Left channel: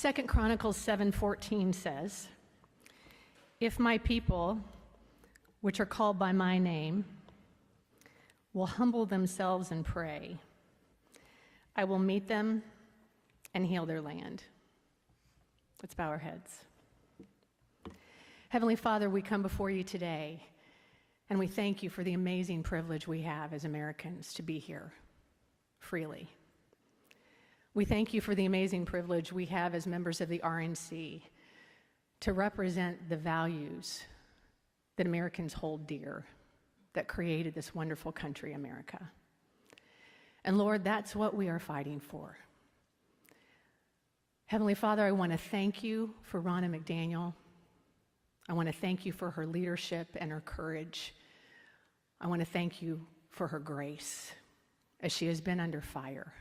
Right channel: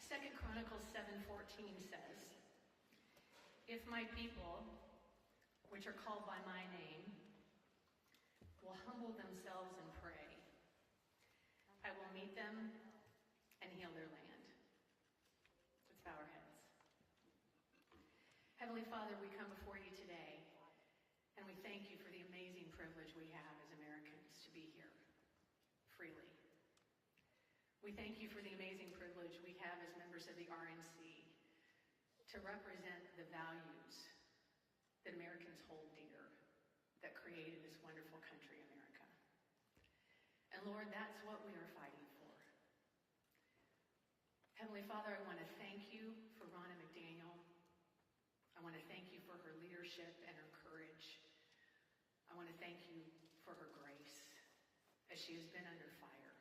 2 Chronicles 7:14 says, "If my people, which are called by my name, will humble themselves and pray, I will meet them and heal their land." Let's bow our heads. Heavenly Father, we come before you today, and we thank you for the amazing privilege we have as Americans to be here freely. We thank you for the amazing privilege we have as members of the RNC to represent the values that Americans hold dear, that created this wonderful country, America. And Lord, that's what we are fighting for. Heavenly Father, I want to thank you for Lara McDaniel. I want to thank you for her leadership and her courage. I want to thank you for her grace as she has been under fire.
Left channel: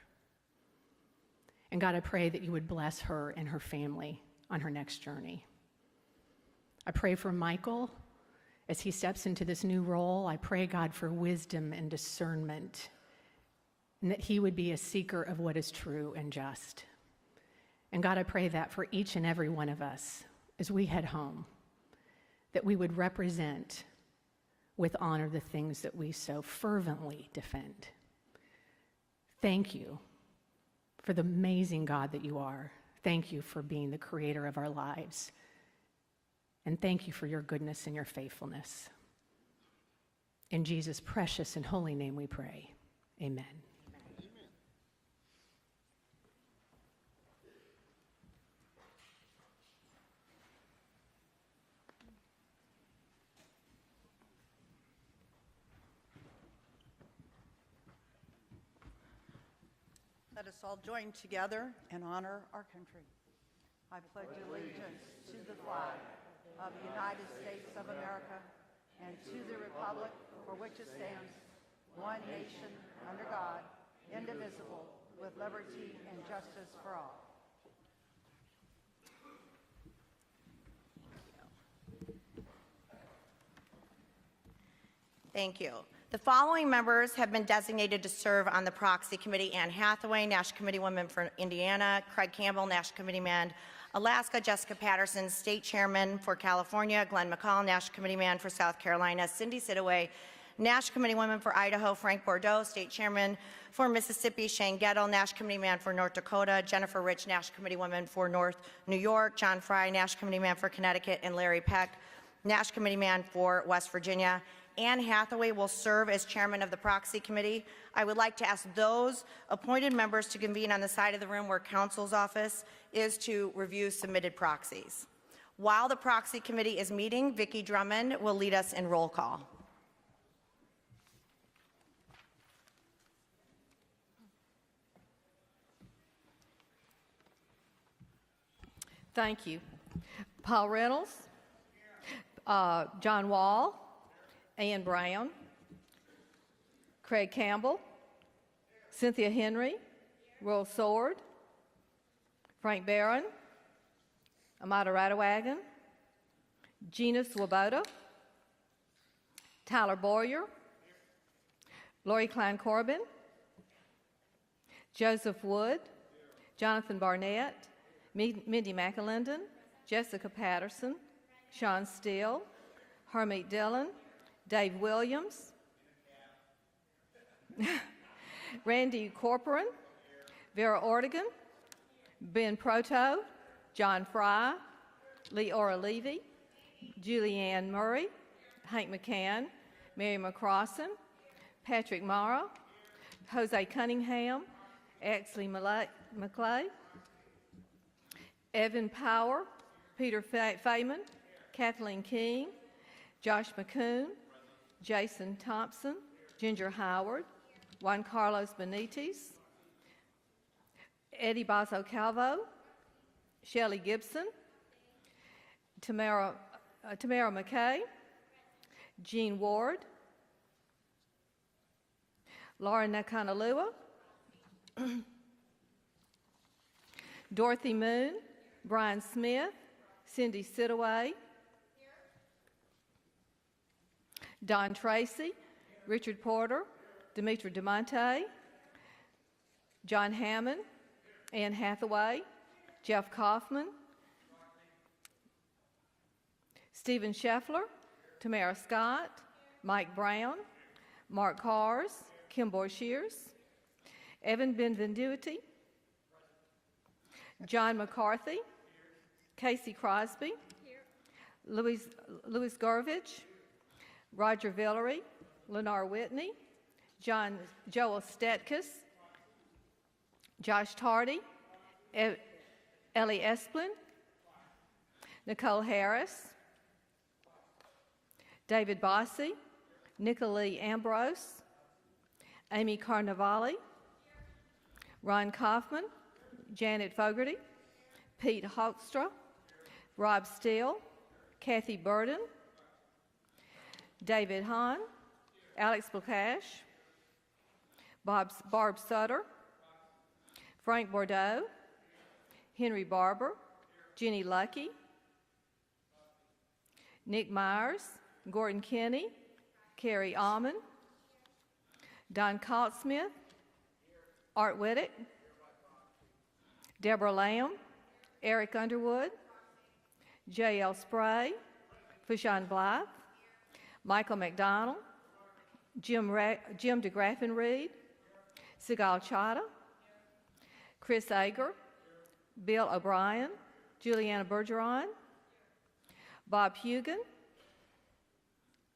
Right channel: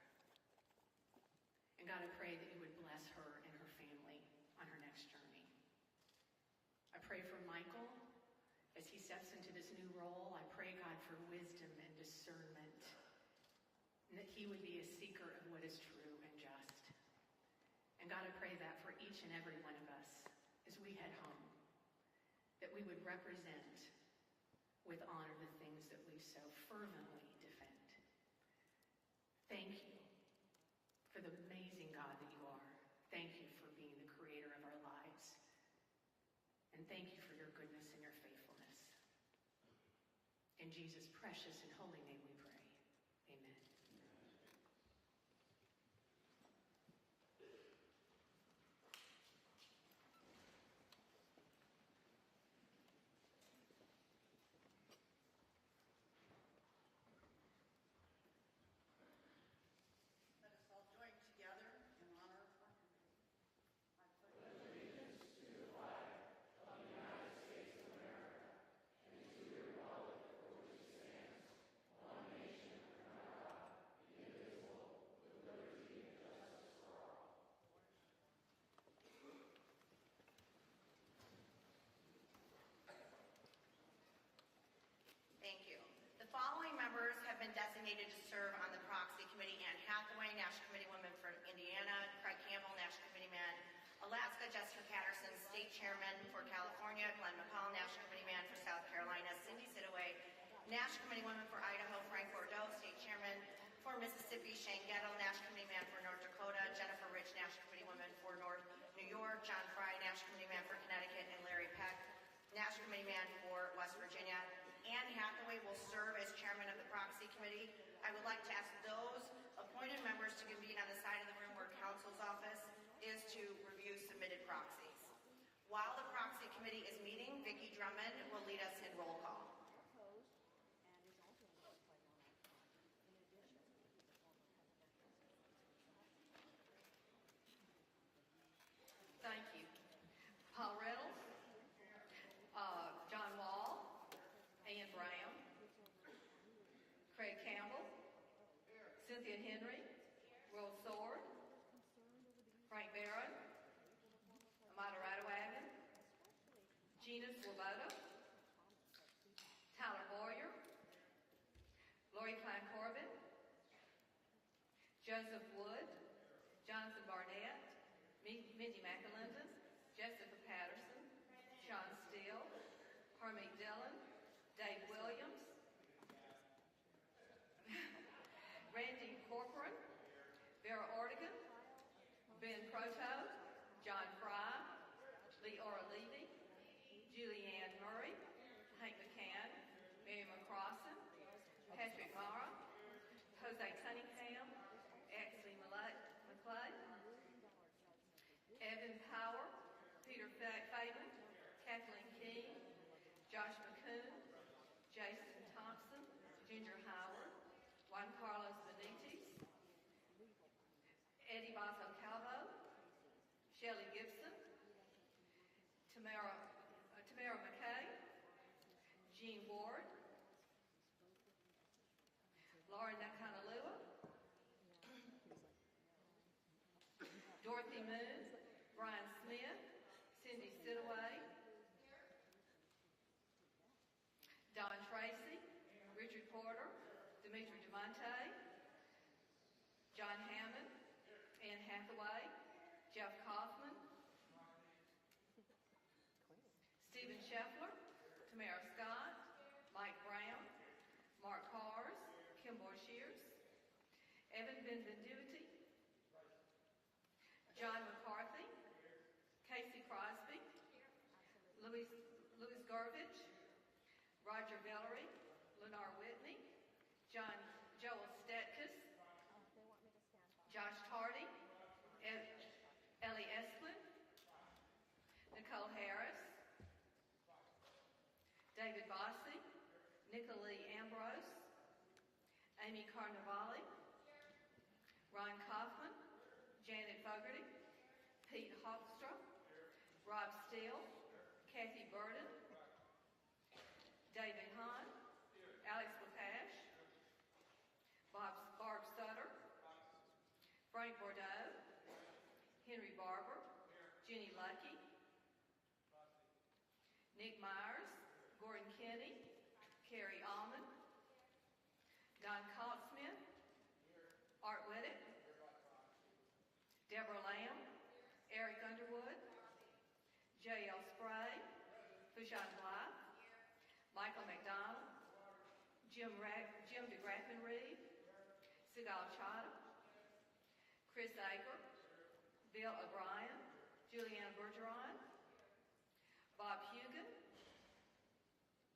And God, I pray that you would bless her and her family on her next journey. I pray for Michael as he steps into this new role. I pray, God, for wisdom and discernment, and that he would be a seeker of what is true and just. And God, I pray that for each and every one of us as we head home, that we would represent with honor the things that we so fervently defend. Thank you for the amazing God that you are. Thank you for being the creator of our lives. And thank you for your goodness and your faithfulness. In Jesus' precious and holy name we pray. Amen. Let us all join together and honor our country. I pledge allegiance to the flag of the United States of America and to the republic for which it stands, one nation, under God, indivisible, with liberty and justice for all. Thank you. The following members have been designated to serve on the proxy committee: Anne Hathaway, National Committeewoman for Indiana; Craig Campbell, National Committeeman, Alaska; Jessica Patterson, State Chairman for California; Glenn McCall, National Committeeman for South Carolina; Cindy Sidaway, National Committeewoman for Idaho; Frank Bordeaux, State Chairman for Mississippi; Shane Gettle, National Committeeman for North Dakota; Jennifer Rich, National Committeewoman for North New York; John Fry, National Committeeman for Connecticut; and Larry Peck, National Committeeman for West Virginia. Anne Hathaway will serve as chairman of the proxy committee. I would like to ask those appointed members to convene on the side of the room where counsel's office is to review submitted proxies. While the proxy committee is meeting, Vicki Drummond will lead us in roll call. Thank you. Paul Reynolds, John Wall, Ann Brown, Craig Campbell, Cynthia Henry, Royal Sword, Frank Barron, Amada Radewagen, Gina Swoboda, Tyler Boyer, Lori Klein Corbin, Joseph Wood, Jonathan Barnett, Mindy McAlinden, Jessica Patterson, Sean Steele, Harmeet Dillon, Dave Williams, Randy Corcoran, Vera Ortigan, Ben Proto, John Fry, Leora Levy, Julianne Murray, Hank McCann, Mary McCrossan, Patrick Mara, Jose Cunningham, Exley McClay, Evan Power, Peter Feynman, Kathleen King, Josh McCoon, Jason Thompson, Ginger Howard, Juan Carlos Benitez, Eddie Basso Calvo, Shelley Gibson, Tamara McKay, Jean Ward, Laura Nakanalua, Dorothy Moon, Brian Smith, Cindy Sidaway, Don Tracy, Richard Porter, Demetra DeMonte, John Hammond, Anne Hathaway, Jeff Kaufman, Stephen Scheffler, Tamara Scott, Mike Brown, Mark Hars, Kim Shears, Evan Benvenuti, John McCarthy, Casey Crosby, Louis Garvich, Roger Villery, Lenore Whitney, Joel Stetkus, Josh Tardy, Ellie Esplin, Nicole Harris, David Bossy, Nicolee Ambrose, Amy Carnavale, Ron Kaufman, Janet Fogarty, Pete Hoekstra, Rob Steele, Kathy Burden, David Hahn, Alex Blakash, Barb Sutter, Frank Bordeaux, Henry Barber, Jenny Lucky, Nick Myers, Gordon Kinney, Carrie Almond, Don Cottsmith, Art Whittick, Deborah Lamb, Eric Underwood, J.L. Spray, Fushan Blythe, Michael McDonald, Jim DeGraffin Reed, Sigal Chadha, Chris Ager, Bill O'Brien, Juliana Bergeron, Bob Hugan,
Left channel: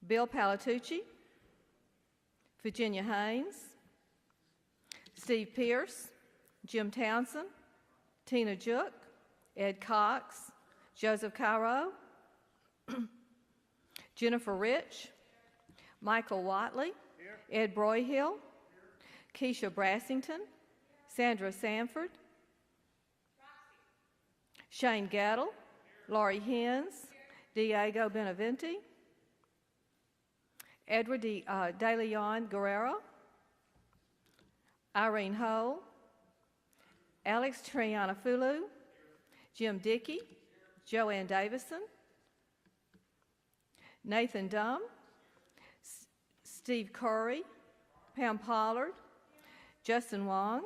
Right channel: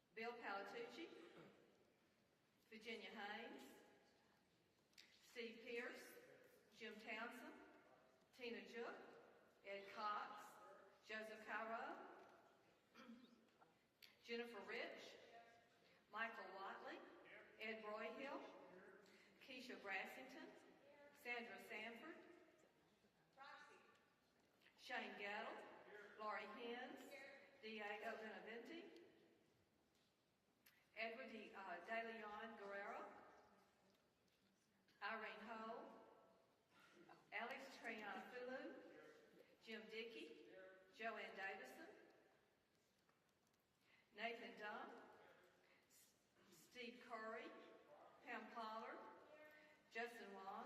Bill Palatucci, Virginia Haynes, Steve Pierce, Jim Townsend, Tina Jook, Ed Cox, Joseph Cairo, Jennifer Rich, Michael Watley, Ed Broyhill, Keisha Brassington, Sandra Sanford, Shane Gattle, Laurie Hines, Diego Benavente, Edward De Leon Guerrero, Irene Hull, Alex Trianafulu, Jim Dickey, Joanne Davison, Nathan Dunn, Steve Curry, Pam Pollard, Justin Wong,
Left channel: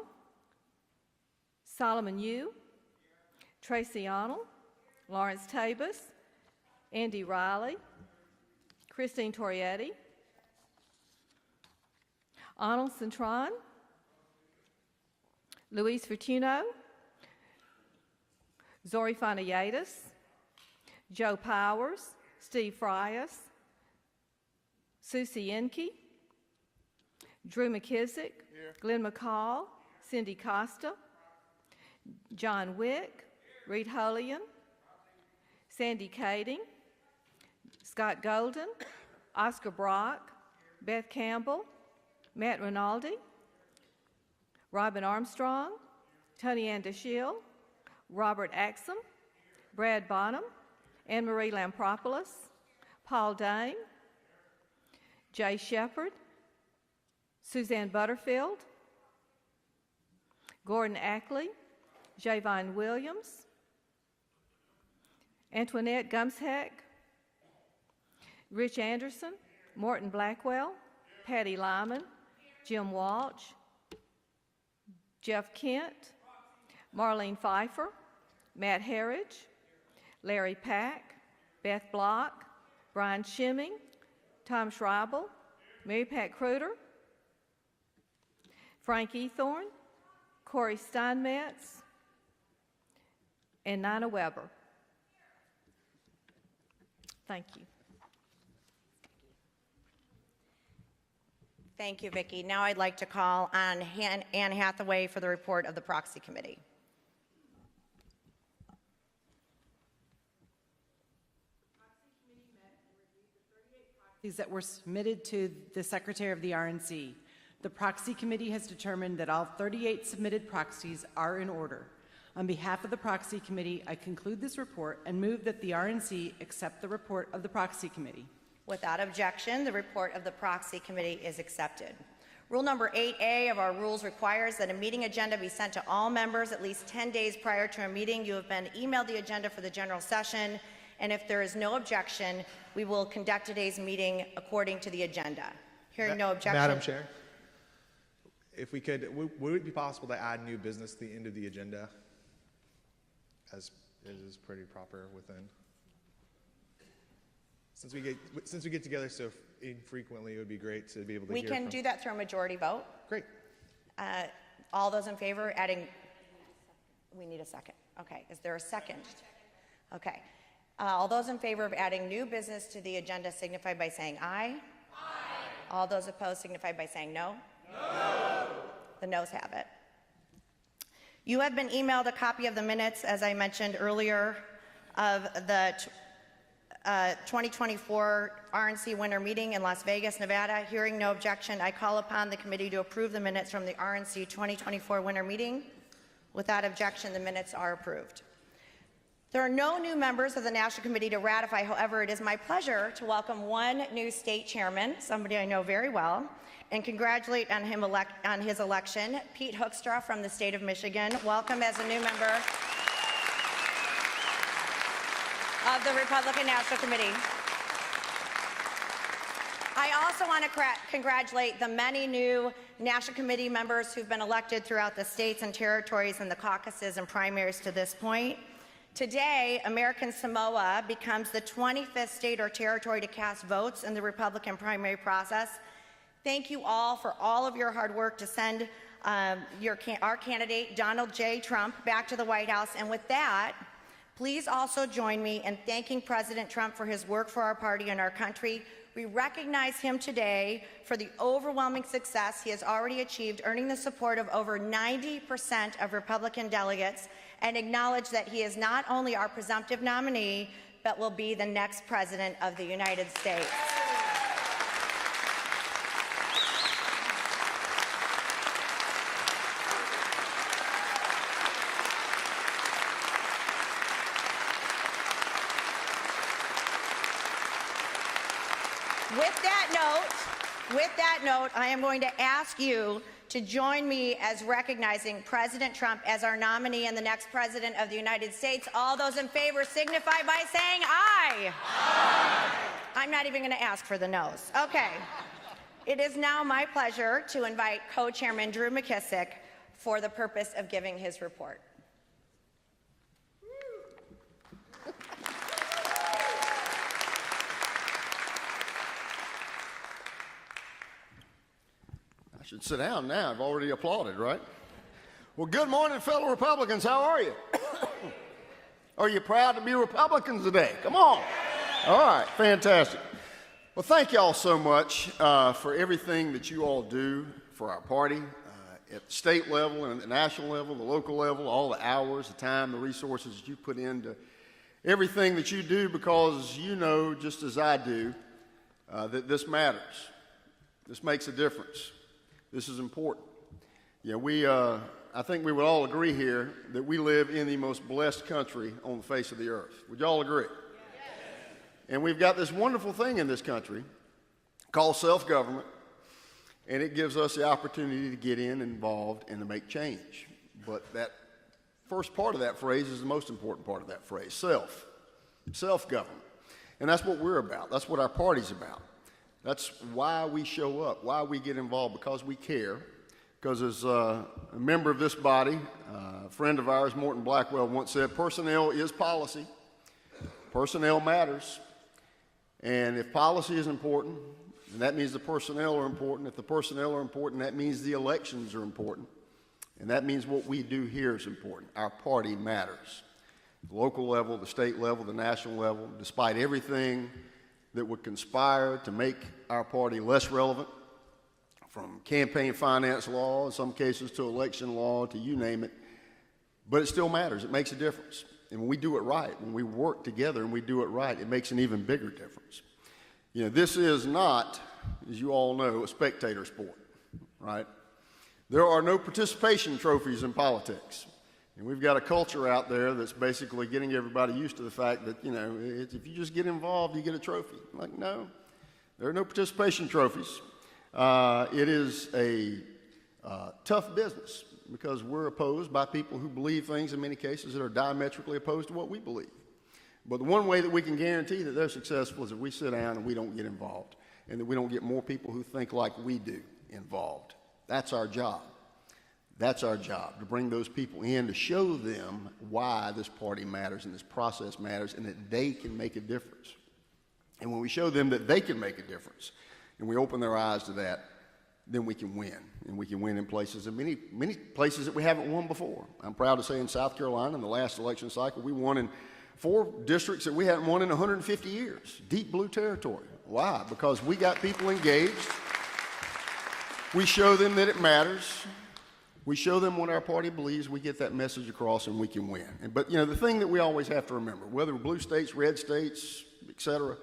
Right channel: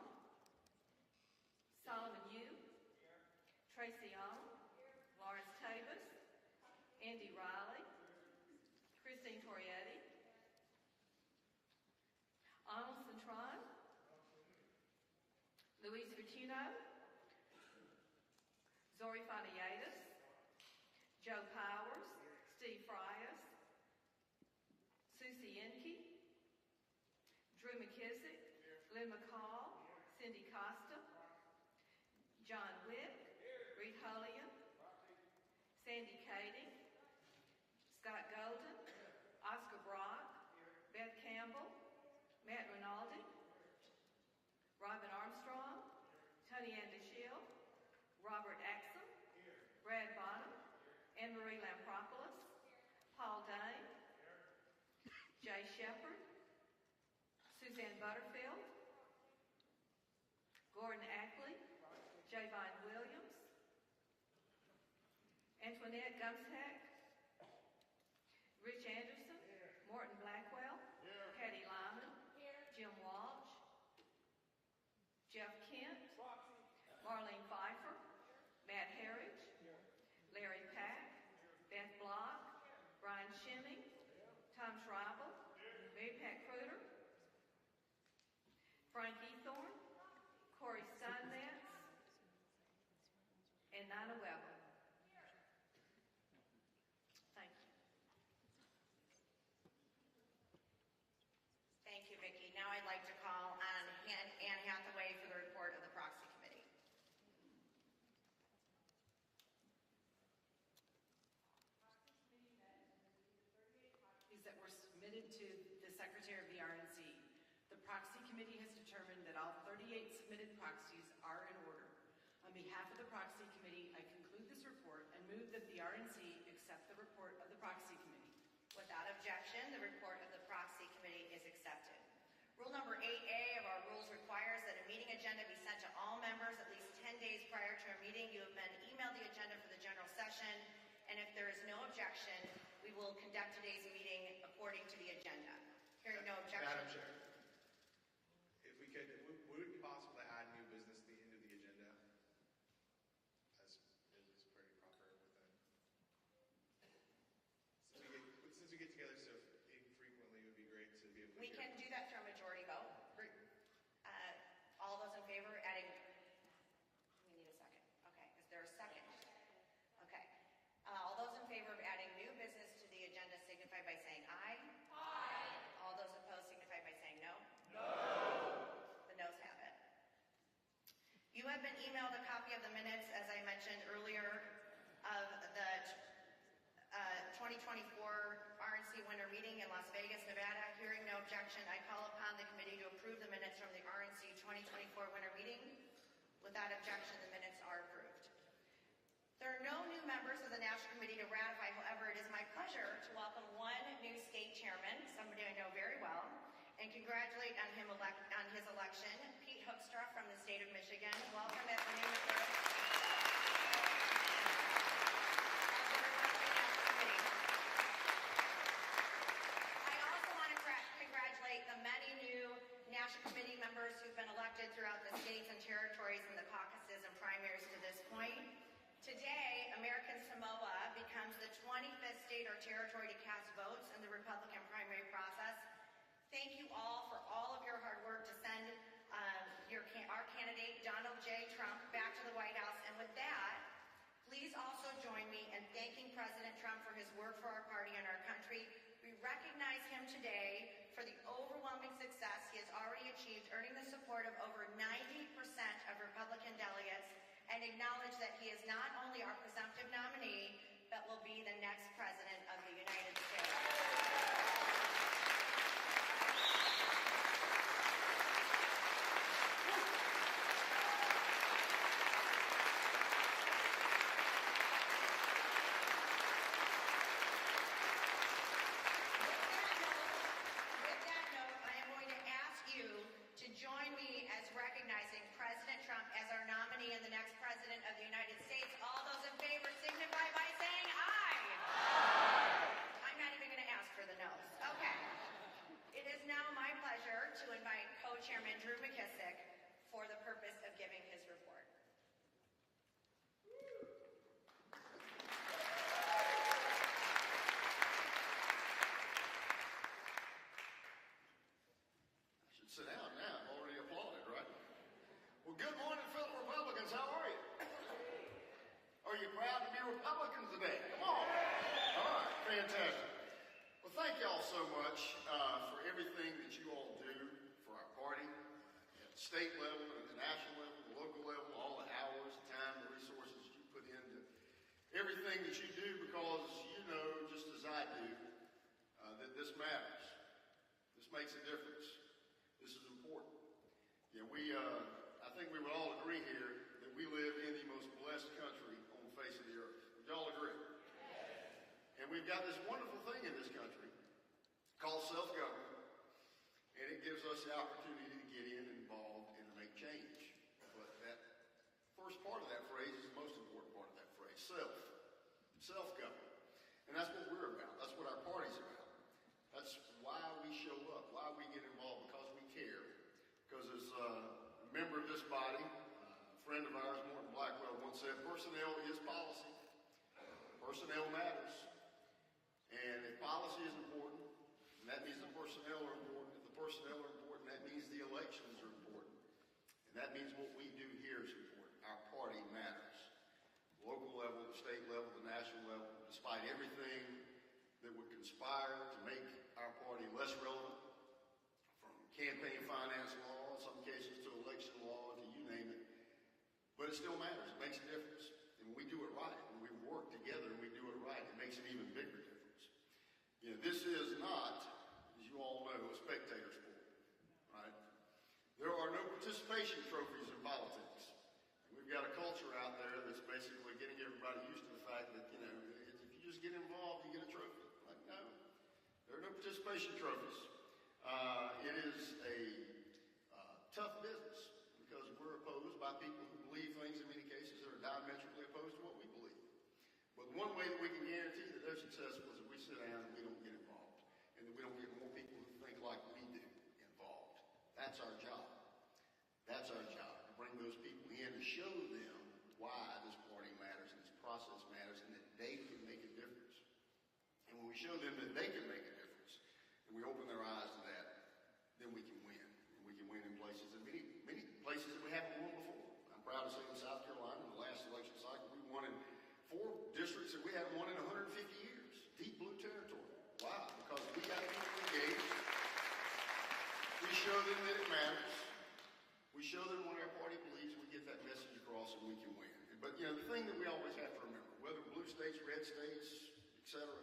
Solomon Yu, Tracy Arnold, Lawrence Tabus, Andy Riley, Christine Torietti, Arnold Cintron, Luis Fortuno, Zori Fanayadis, Joe Powers, Steve Frias, Susie Enke, Drew McKissick, Glenn McCall, Cindy Costa, John Wick, Reed Holian, Sandy Kading, Scott Golden, Oscar Brock, Beth Campbell, Matt Rinaldi, Robin Armstrong, Tony Ann DeShiel, Robert Axum, Brad Bonham, Anne-Marie Lampropoulos, Paul Dane, Jay Shepard, Suzanne Butterfield, Gordon Ackley, Javon Williams, Antoinette Gumsheck, Rich Anderson, Morton Blackwell, Patty Lyman, Jim Walsh, Jeff Kent, Marlene Pfeiffer, Matt Herridge, Larry Pack, Beth Block, Brian Shimming, Tom Schreibel, Mary Pat Kruder, Frank Ethorn, Corey Steinmetz, and Nina Weber. Thank you. Thank you, Vicki. Now I'd like to call on Anne Hathaway for the report of the Proxy Committee. That were submitted to the Secretary of the RNC. The Proxy Committee has determined that all 38 submitted proxies are in order. On behalf of the Proxy Committee, I conclude this report and move that the RNC accept the report of the Proxy Committee. Without objection, the report of the Proxy Committee is accepted. Rule number 8A of our rules requires that a meeting agenda be sent to all members at least 10 days prior to a meeting. You have been emailed the agenda for the general session, and if there is no objection, we will conduct today's meeting according to the agenda. Hearing no objection. Madam Chair, if we could, would it be possible to add new business to the end of the agenda? as it is pretty proper within. Since we get together so infrequently, it would be great to be able to We hear can from. do that through a majority vote. Great. All those in favor, adding, we need a second. Okay, is there a second? Okay. All those in favor of adding new business to the agenda signify by saying aye. Aye. All those opposed signify by saying no. No. The noes have it. You have been emailed a copy of the minutes, as I mentioned earlier, of the 2024 RNC winter meeting in Las Vegas, Nevada. Hearing no objection, I call upon the committee to approve the minutes from the RNC 2024 winter meeting. Without objection, the minutes are approved. There are no new members of the National Committee to ratify. However, it is my pleasure to welcome one new state chairman, somebody I know very well, and congratulate on his election, Pete Hoekstra from the state of Michigan. Welcome as a new member of the Republican National Committee. I also want to congratulate the many new National Committee members who've been elected throughout the states and territories in the caucuses and primaries to this point. Today, American Samoa becomes the 25th state or territory to cast votes in the Republican primary process. Thank you all for all of your hard work to send our candidate, Donald J. Trump, back to the White House. And with that, please also join me in thanking President Trump for his work for our party and our country. We recognize him today for the overwhelming success he has already achieved, earning the support of over 90% of Republican delegates, and acknowledge that he is not only our presumptive nominee, but will be the next president of the United States. With that note, I am going to ask you to join me as recognizing President Trump as our nominee and the next president of the United States. All those in favor signify by saying aye. Aye. I'm not even going to ask for the noes. Okay. It is now my pleasure to invite co-chairman Drew McKissick for the purpose of giving his report. I should sit down now. I've already applauded, right? Well, good morning, fellow Republicans. How are you? Are you proud to be Republicans today? Come on. All right, fantastic. Well, thank y'all so much for everything that you all do for our party at the state level and the national level, the local level, all the hours, the time, the resources that you put into everything that you do, because you know, just as I do, that this matters. This makes a difference. This is important. You know, I think we would all agree here that we live in the most blessed country on the face of the earth. Would you all agree? Yes. And we've got this wonderful thing in this country called self-government, and it gives us the opportunity to get involved and to make change. But that first part of that phrase is the most important part of that phrase, self-government. And that's what we're about. That's what our party's about. That's why we show up, why we get involved, because we care. Because as a member of this body, a friend of ours, Morton Blackwell, once said, personnel is policy. Personnel matters. And if policy is important, then that means the personnel are important. If the personnel are important, that means the elections are important. And that means what we do here is important. Our party matters. The local level, the state level, the national level, despite everything that would conspire to make our party less relevant, from campaign finance law, in some cases to election law, to you name it, but it still matters. It makes a difference. And when we do it right, when we work together and we do it right, it makes an even bigger difference. You know, this is not, as you all know, a spectator sport, right? There are no participation trophies in politics. And we've got a culture out there that's basically getting everybody used to the fact that, you know, if you just get involved, you get a trophy. Like, no, there are no participation trophies. It is a tough business because we're opposed by people who believe things in many cases that are diametrically opposed to what we believe. But the one way that we can guarantee that they're successful is if we sit down and we don't get involved, and that we don't get more people who think like we do involved. That's our job. That's our job, to bring those people in, to show them why this party matters and this process matters and that they can make a difference. And when we show them that they can make a difference and we open their eyes to that, then we can win. And we can win in places, and many places that we haven't won before. I'm proud to say in South Carolina, in the last election cycle, we won in 4 districts that we hadn't won in 150 years. Deep blue territory. Why? Because we got people engaged. We show them that it matters. We show them what our party believes, we get that message across, and we can win. But, you know, the thing that we always have to remember, whether blue states, red states, et cetera,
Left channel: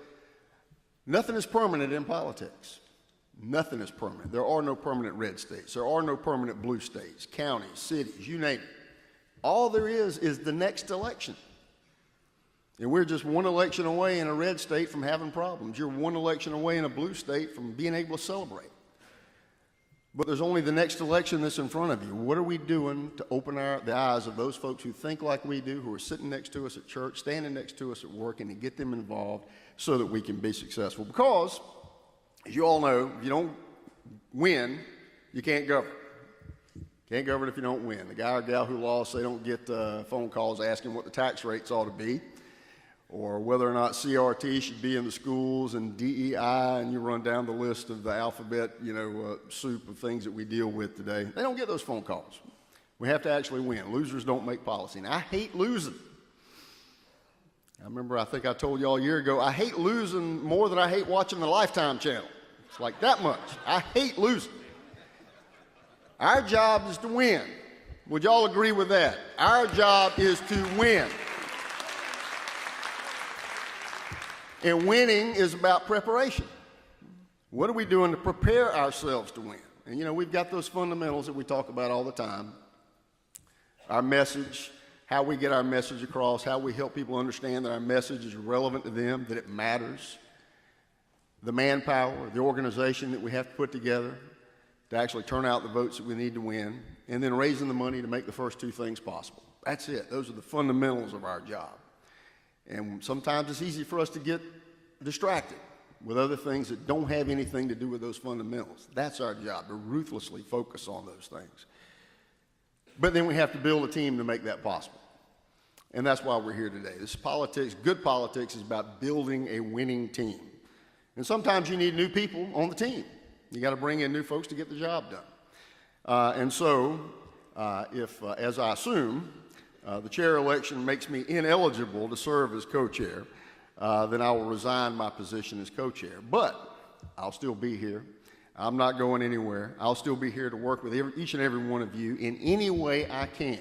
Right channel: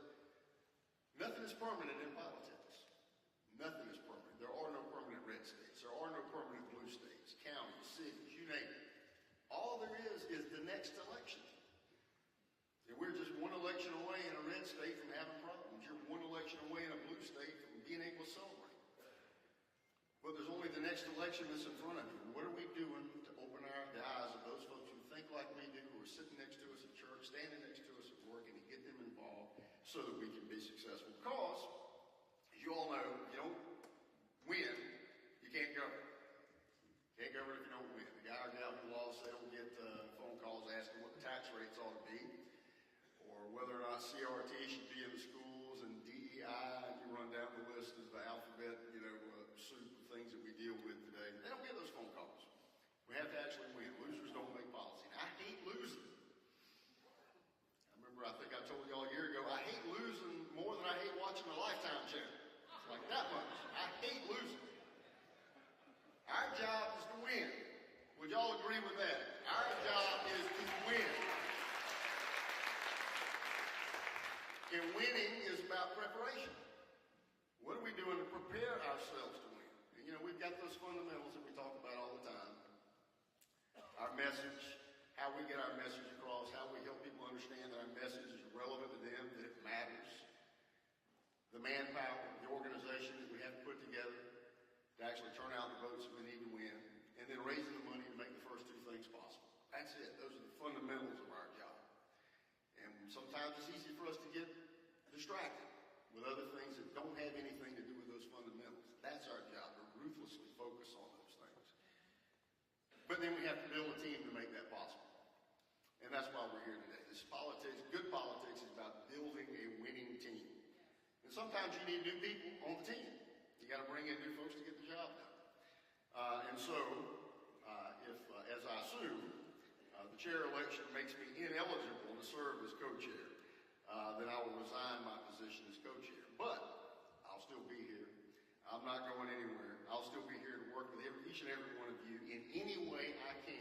nothing is permanent in politics. Nothing is permanent. There are no permanent red states. There are no permanent blue states, counties, cities, you name it. All there is the next election. And we're just one election away in a red state from having problems. You're one election away in a blue state from being able to celebrate. But there's only the next election that's in front of you. What are we doing to open the eyes of those folks who think like we do, who are sitting next to us at church, standing next to us at work, and to get them involved so that we can be successful? Because, as you all know, if you don't win, you can't govern. Can't govern if you don't win. The guy or gal who lost, they don't get phone calls asking what the tax rates ought to be, or whether or not CRT should be in the schools, and DEI, and you run down the list of the alphabet, soup of things that we deal with today. They don't get those phone calls. We have to actually win. Losers don't make policy, and I hate losing. I remember, I think I told you all a year ago, I hate losing more than I hate watching the Lifetime channel. It's like that much. I hate losing. Our job is to win. Would y'all agree with that? Our job is to win. And winning is about preparation. What are we doing to prepare ourselves to win? And we've got those fundamentals that we talk about all the time. Our message, how we get our message across, how we help people understand that our message is relevant to them, that it matters. The manpower, the organization that we have to put together to actually turn out the votes that we need to win, and then raising the money to make the first 2 things possible. That's it. Those are the fundamentals of our job. And sometimes it's easy for us to get distracted with other things that don't have anything to do with those fundamentals. That's our job, to ruthlessly focus on those things. But then we have to build a team to make that possible. And that's why we're here today. This politics, good politics, is about building a winning team. And sometimes you need new people on the team. You got to bring in new folks to get the job done. And so, as I assume, the chair election makes me ineligible to serve as co-chair, then I will resign my position as co-chair. But I'll still be here. I'm not going anywhere. I'll still be here to work with each and every one of you in any way I can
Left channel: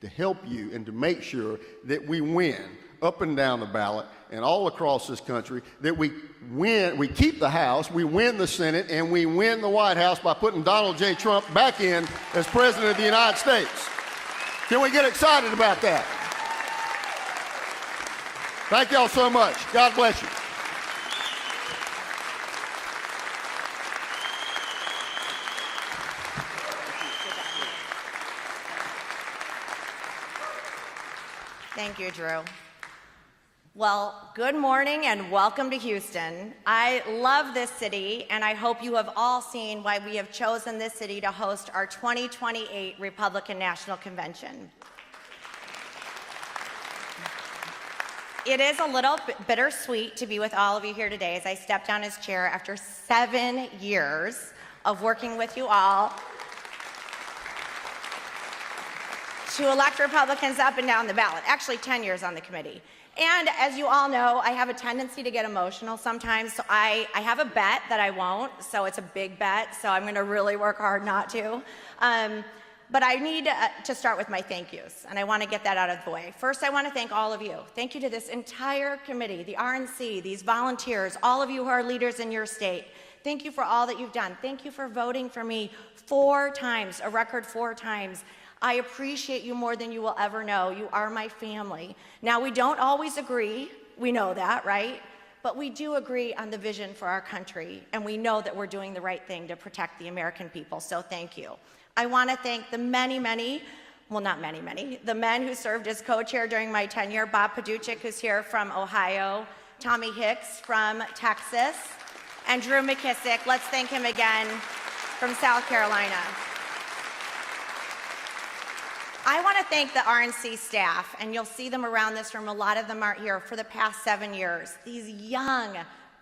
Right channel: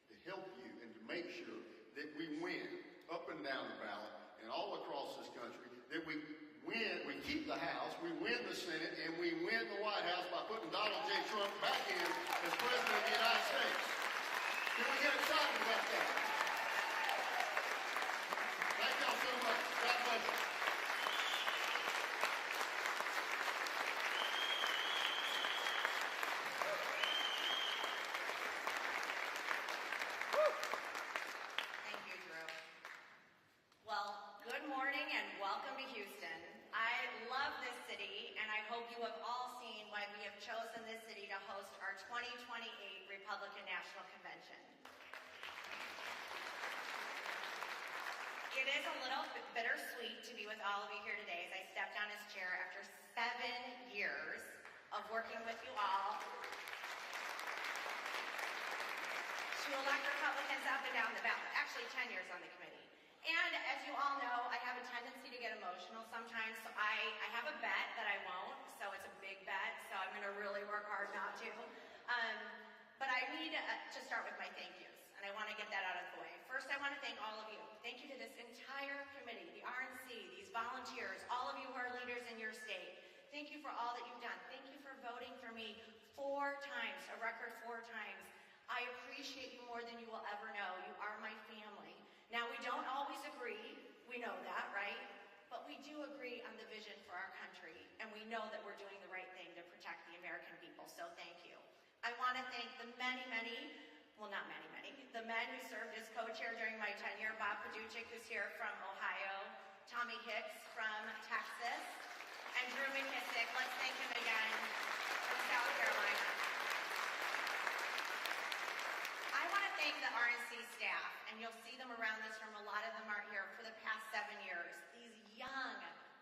to help you and to make sure that we win up and down the ballot and all across this country, that we win, we keep the House, we win the Senate, and we win the White House by putting Donald J. Trump back in as President of the United States. Can we get excited about that? Thank y'all so much. God bless you. Thank you, Drew. Well, good morning and welcome to Houston. I love this city, and I hope you have all seen why we have chosen this city to host our 2028 Republican National Convention. It is a little bittersweet to be with all of you here today as I step down as chair after 7 years of working with you all to elect Republicans up and down the ballot. Actually, 10 years on the committee. And as you all know, I have a tendency to get emotional sometimes, so I have a bet that I won't, so it's a big bet, so I'm going to really work hard not to. But I need to start with my thank yous, and I want to get that out of the way. First, I want to thank all of you. Thank you to this entire committee, the RNC, these volunteers, all of you who are leaders in your state. Thank you for all that you've done. Thank you for voting for me 4 times, a record 4 times. I appreciate you more than you will ever know. You are my family. Now, we don't always agree. We know that, right? But we do agree on the vision for our country, and we know that we're doing the right thing to protect the American people, so thank you. I want to thank the many, the men who served as co-chair during my tenure, Bob Paduchik, who's here from Ohio, Tommy Hicks from Texas, and Drew McKissick. Let's thank him again from South Carolina. I want to thank the RNC staff, and you'll see them around this room. A lot of them aren't here for the past 7 years. These young,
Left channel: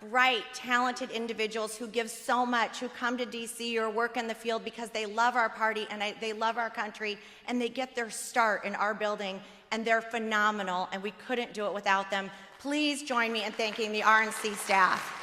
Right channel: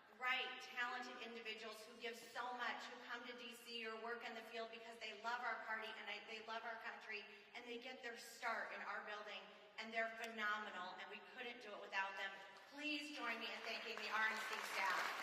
bright, talented individuals who give so much, who come to DC or work in the field because they love our party and they love our country, and they get their start in our building, and they're phenomenal, and we couldn't do it without them. Please join me in thanking the RNC staff.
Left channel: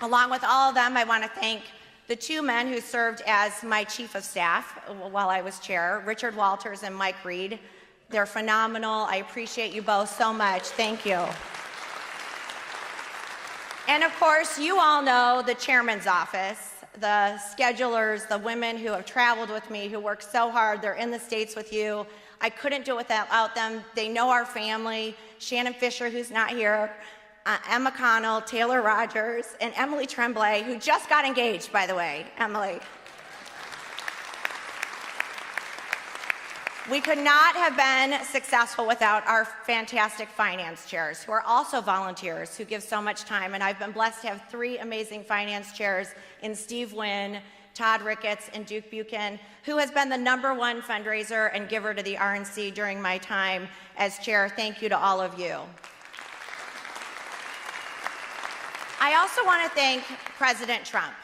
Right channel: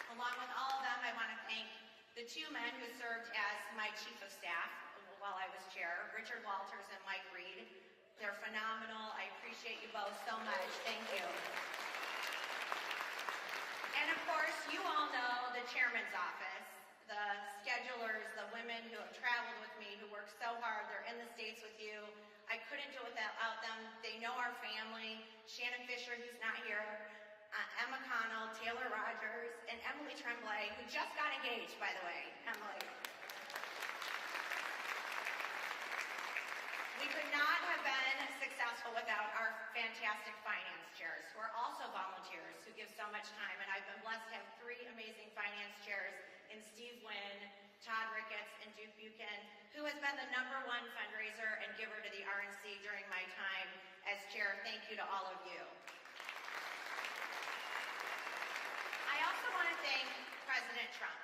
Along with all of them, I want to thank the two men who served as my chief of staff while I was chair, Richard Walters and Mike Reed. They're phenomenal. I appreciate you both so much. Thank you. And of course, you all know the chairman's office, the schedulers, the women who have traveled with me, who work so hard. They're in the States with you. I couldn't do it without them. They know our family. Shannon Fisher, who's not here, Emma Connell, Taylor Rogers, and Emily Tremblay, who just got engaged, by the way. Emily. We could not have been successful without our fantastic finance chairs, who are also volunteers, who give so much time. And I've been blessed to have 3 amazing finance chairs in Steve Wynn, Todd Ricketts, and Duke Buchan, who has been the #1 fundraiser and giver to the RNC during my time as chair. Thank you to all of you. I also want to thank President Trump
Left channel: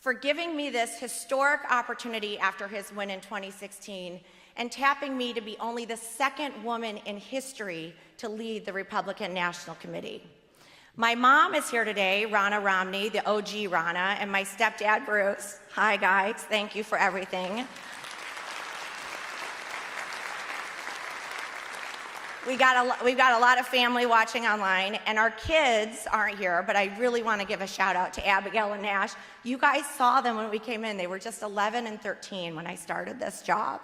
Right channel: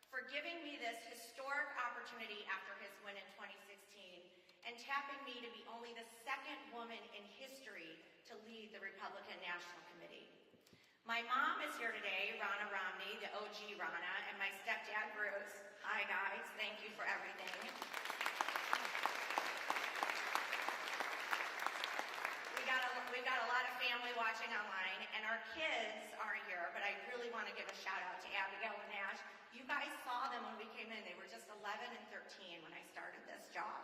for giving me this historic opportunity after his win in 2016 and tapping me to be only the 2nd woman in history to lead the Republican National Committee. My mom is here today, Ronna Romney, the OG Ronna, and my stepdad, Bruce. Hi, guys. Thank you for everything. We've got a lot of family watching online, and our kids aren't here, but I really want to give a shout out to Abigail and Nash. You guys saw them when we came in. They were just 11 and 13 when I started this job,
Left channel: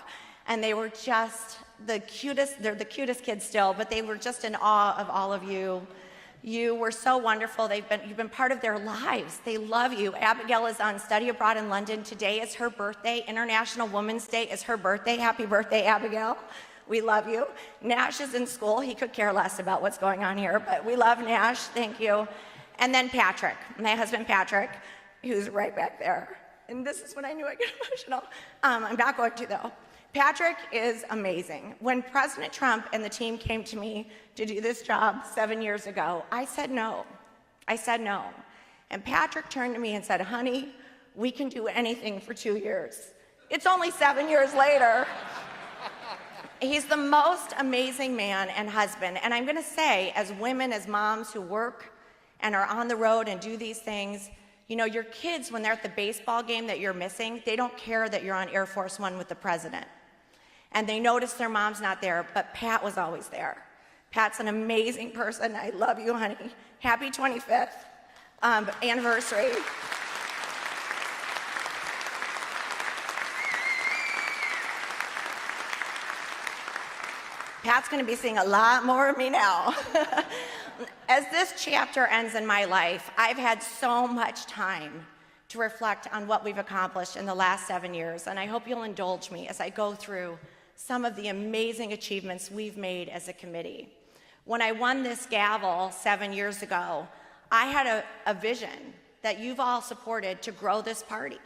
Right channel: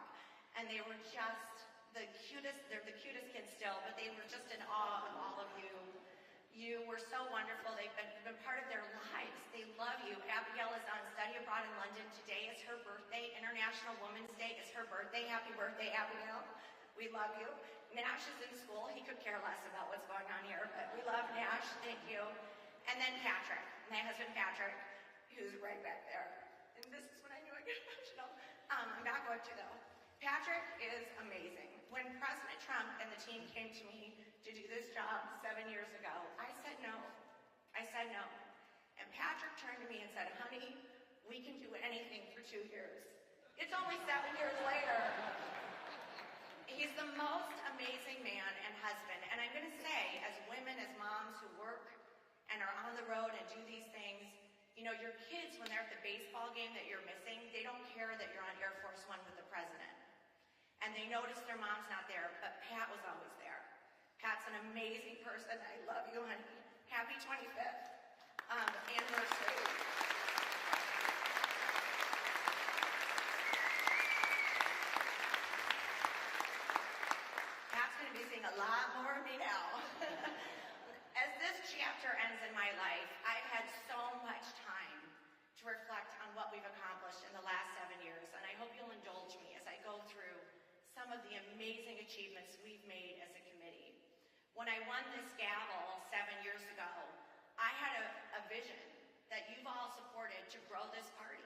and they were just the cutest. They're the cutest kids still, but they were just in awe of all of you. You were so wonderful. You've been part of their lives. They love you. Abigail is on study abroad in London. Today is her birthday. International Women's Day is her birthday. Happy birthday, Abigail. We love you. Nash is in school. He could care less about what's going on here, but we love Nash. Thank you. And then Patrick, my husband Patrick, who's right back there. And this is when I knew I'd get emotional. I'm not going to, though. Patrick is amazing. When President Trump and the team came to me to do this job 7 years ago, I said no. I said no. And Patrick turned to me and said, honey, we can do anything for 2 years. It's only 7 years later. He's the most amazing man and husband. And I'm going to say, as women, as moms who work and are on the road and do these things, you know, your kids, when they're at the baseball game that you're missing, they don't care that you're on Air Force One with the president. And they notice their mom's not there, but Pat was always there. Pat's an amazing person. I love you, honey. Happy 25th anniversary. Pat's going to be seeing a lot more of me now. As this chapter ends in my life, I've had so much time to reflect on what we've accomplished in the last 7 years, and I hope you'll indulge me as I go through some of the amazing achievements we've made as a committee. When I won this gavel 7 years ago, I had a vision that you've all supported to grow this party.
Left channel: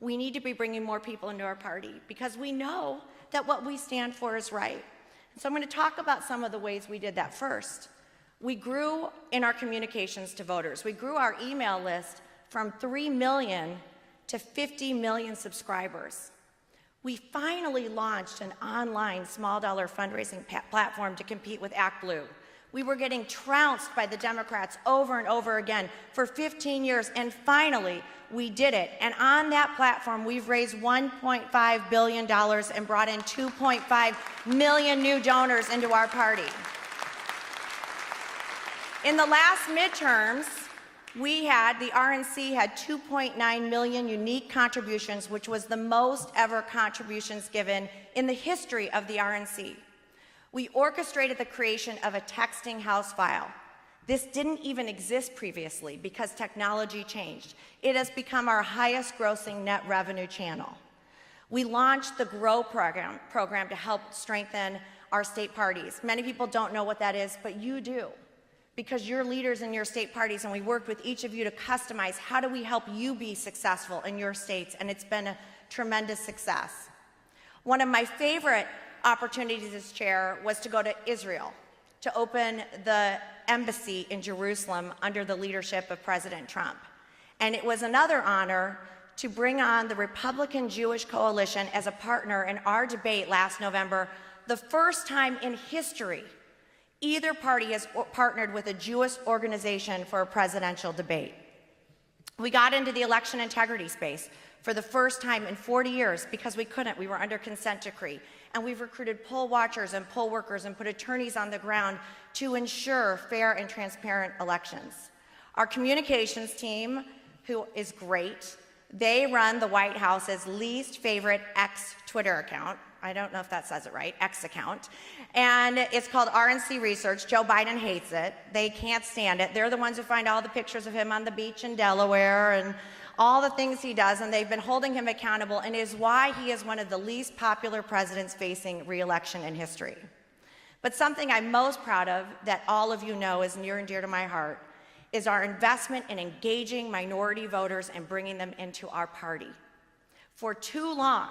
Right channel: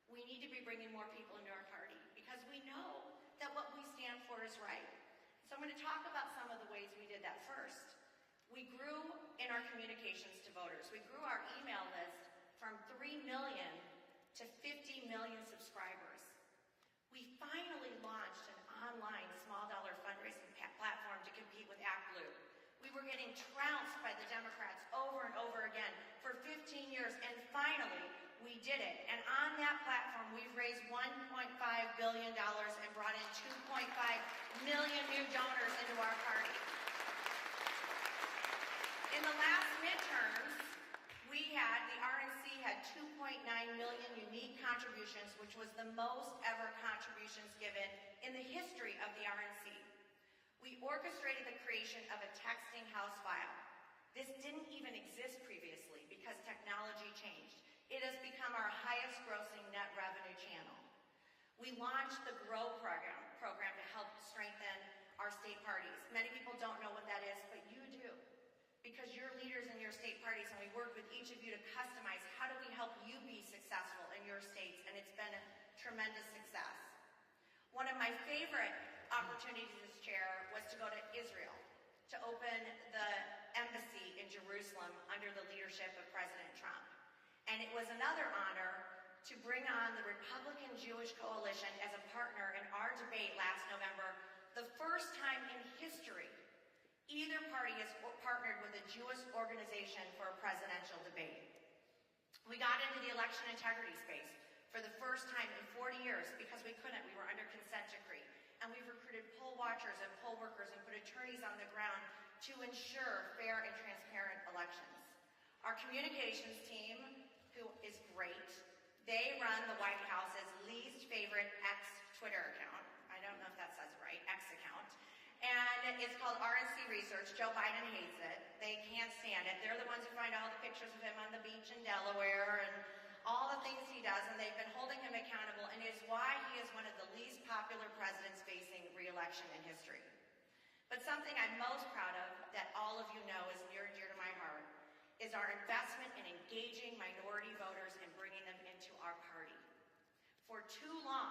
We need to be bringing more people into our party because we know that what we stand for is right. So I'm going to talk about some of the ways we did that first. We grew in our communications to voters. We grew our email list from 3 million to 50 million subscribers. We finally launched an online small dollar fundraising platform to compete with Act Blue. We were getting trounced by the Democrats over and over again for 15 years, and finally, we did it. And on that platform, we've raised $1.5 billion and brought in 2.5 million new donors into our party. In the last midterms, the RNC had 2.9 million unique contributions, which was the most ever contributions given in the history of the RNC. We orchestrated the creation of a texting house file. This didn't even exist previously because technology changed. It has become our highest grossing net revenue channel. We launched the GROW program to help strengthen our state parties. Many people don't know what that is, but you do, because you're leaders in your state parties, and we worked with each of you to customize how do we help you be successful in your states, and it's been a tremendous success. One of my favorite opportunities as chair was to go to Israel to open the embassy in Jerusalem under the leadership of President Trump. And it was another honor to bring on the Republican Jewish Coalition as a partner in our debate last November, the first time in history either party has partnered with a Jewish organization for a presidential debate. We got into the election integrity space for the first time in 40 years because we couldn't. We were under consent decree. And we've recruited poll watchers and poll workers and put attorneys on the ground to ensure fair and transparent elections. Our communications team, who is great, they run the White House's least favorite X Twitter account. I don't know if that says it right, X account. And it's called RNC Research. Joe Biden hates it. They can't stand it. They're the ones who find all the pictures of him on the beach in Delaware and all the things he does, and they've been holding him accountable, and it is why he is one of the least popular presidents facing re-election in history. But something I'm most proud of that all of you know is near and dear to my heart is our investment in engaging minority voters and bringing them into our party. For too long,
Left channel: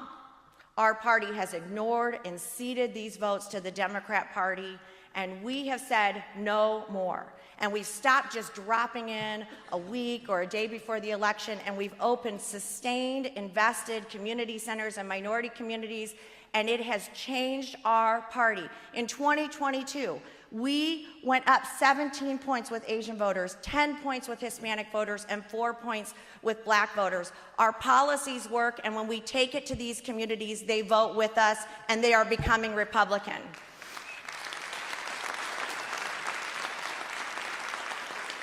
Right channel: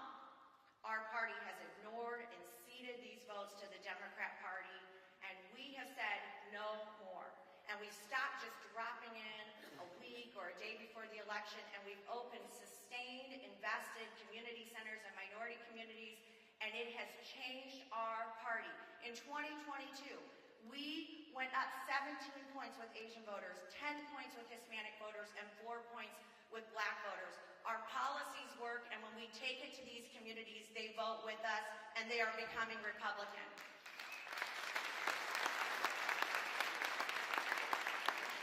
our party has ignored and ceded these votes to the Democrat Party, and we have said no more. And we've stopped just dropping in a week or a day before the election, and we've opened sustained, invested community centers and minority communities, and it has changed our party. In 2022, we went up 17 points with Asian voters, 10 points with Hispanic voters, and 4 points with Black voters. Our policies work, and when we take it to these communities, they vote with us, and they are becoming Republican.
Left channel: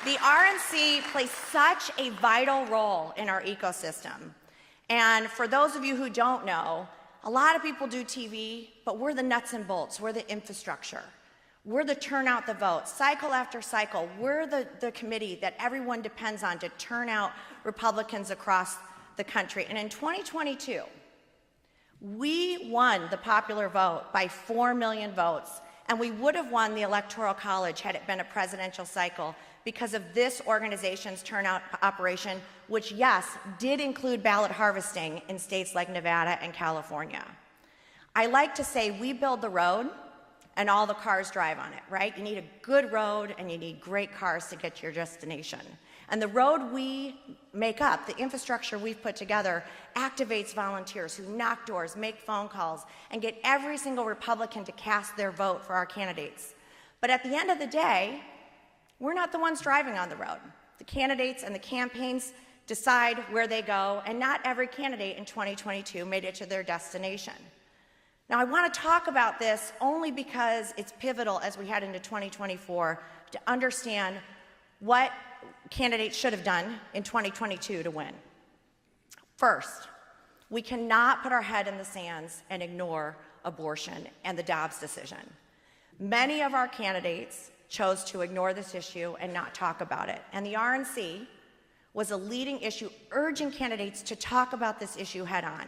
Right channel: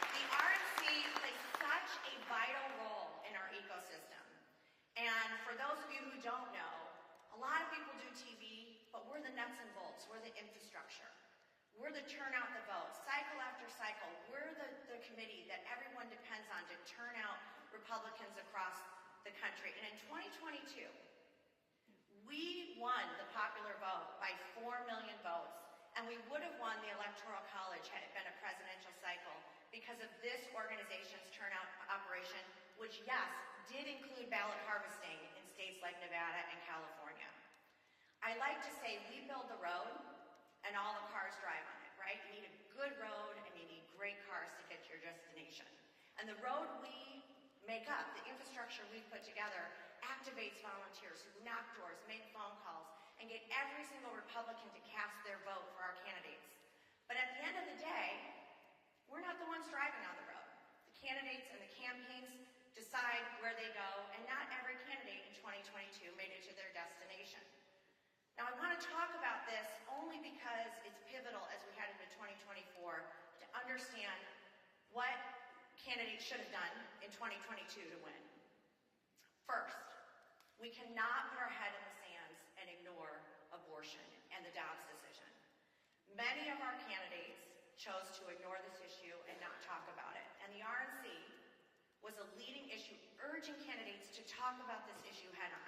The RNC plays such a vital role in our ecosystem. And for those of you who don't know, a lot of people do TV, but we're the nuts and bolts, we're the infrastructure. We're the turn out the vote. Cycle after cycle, we're the committee that everyone depends on to turn out Republicans across the country. And in 2022, we won the popular vote by 4 million votes, and we would have won the Electoral College had it been a presidential cycle because of this organization's turnout operation, which, yes, did include ballot harvesting in states like Nevada and California. I like to say we build the road and all the cars drive on it, right? You need a good road and you need great cars to get to your destination. And the road we make up, the infrastructure we've put together, activates volunteers who knock doors, make phone calls, and get every single Republican to cast their vote for our candidates. But at the end of the day, we're not the ones driving on the road. The candidates and the campaigns decide where they go, and not every candidate in 2022 made it to their destination. Now, I want to talk about this only because it's pivotal as we head into 2024 to understand what candidates should have done in 2022 to win. First, we cannot put our head in the sands and ignore abortion and the Dobbs decision. Many of our candidates chose to ignore this issue and not talk about it. And the RNC was a leading issue, urging candidates to talk about this issue head on.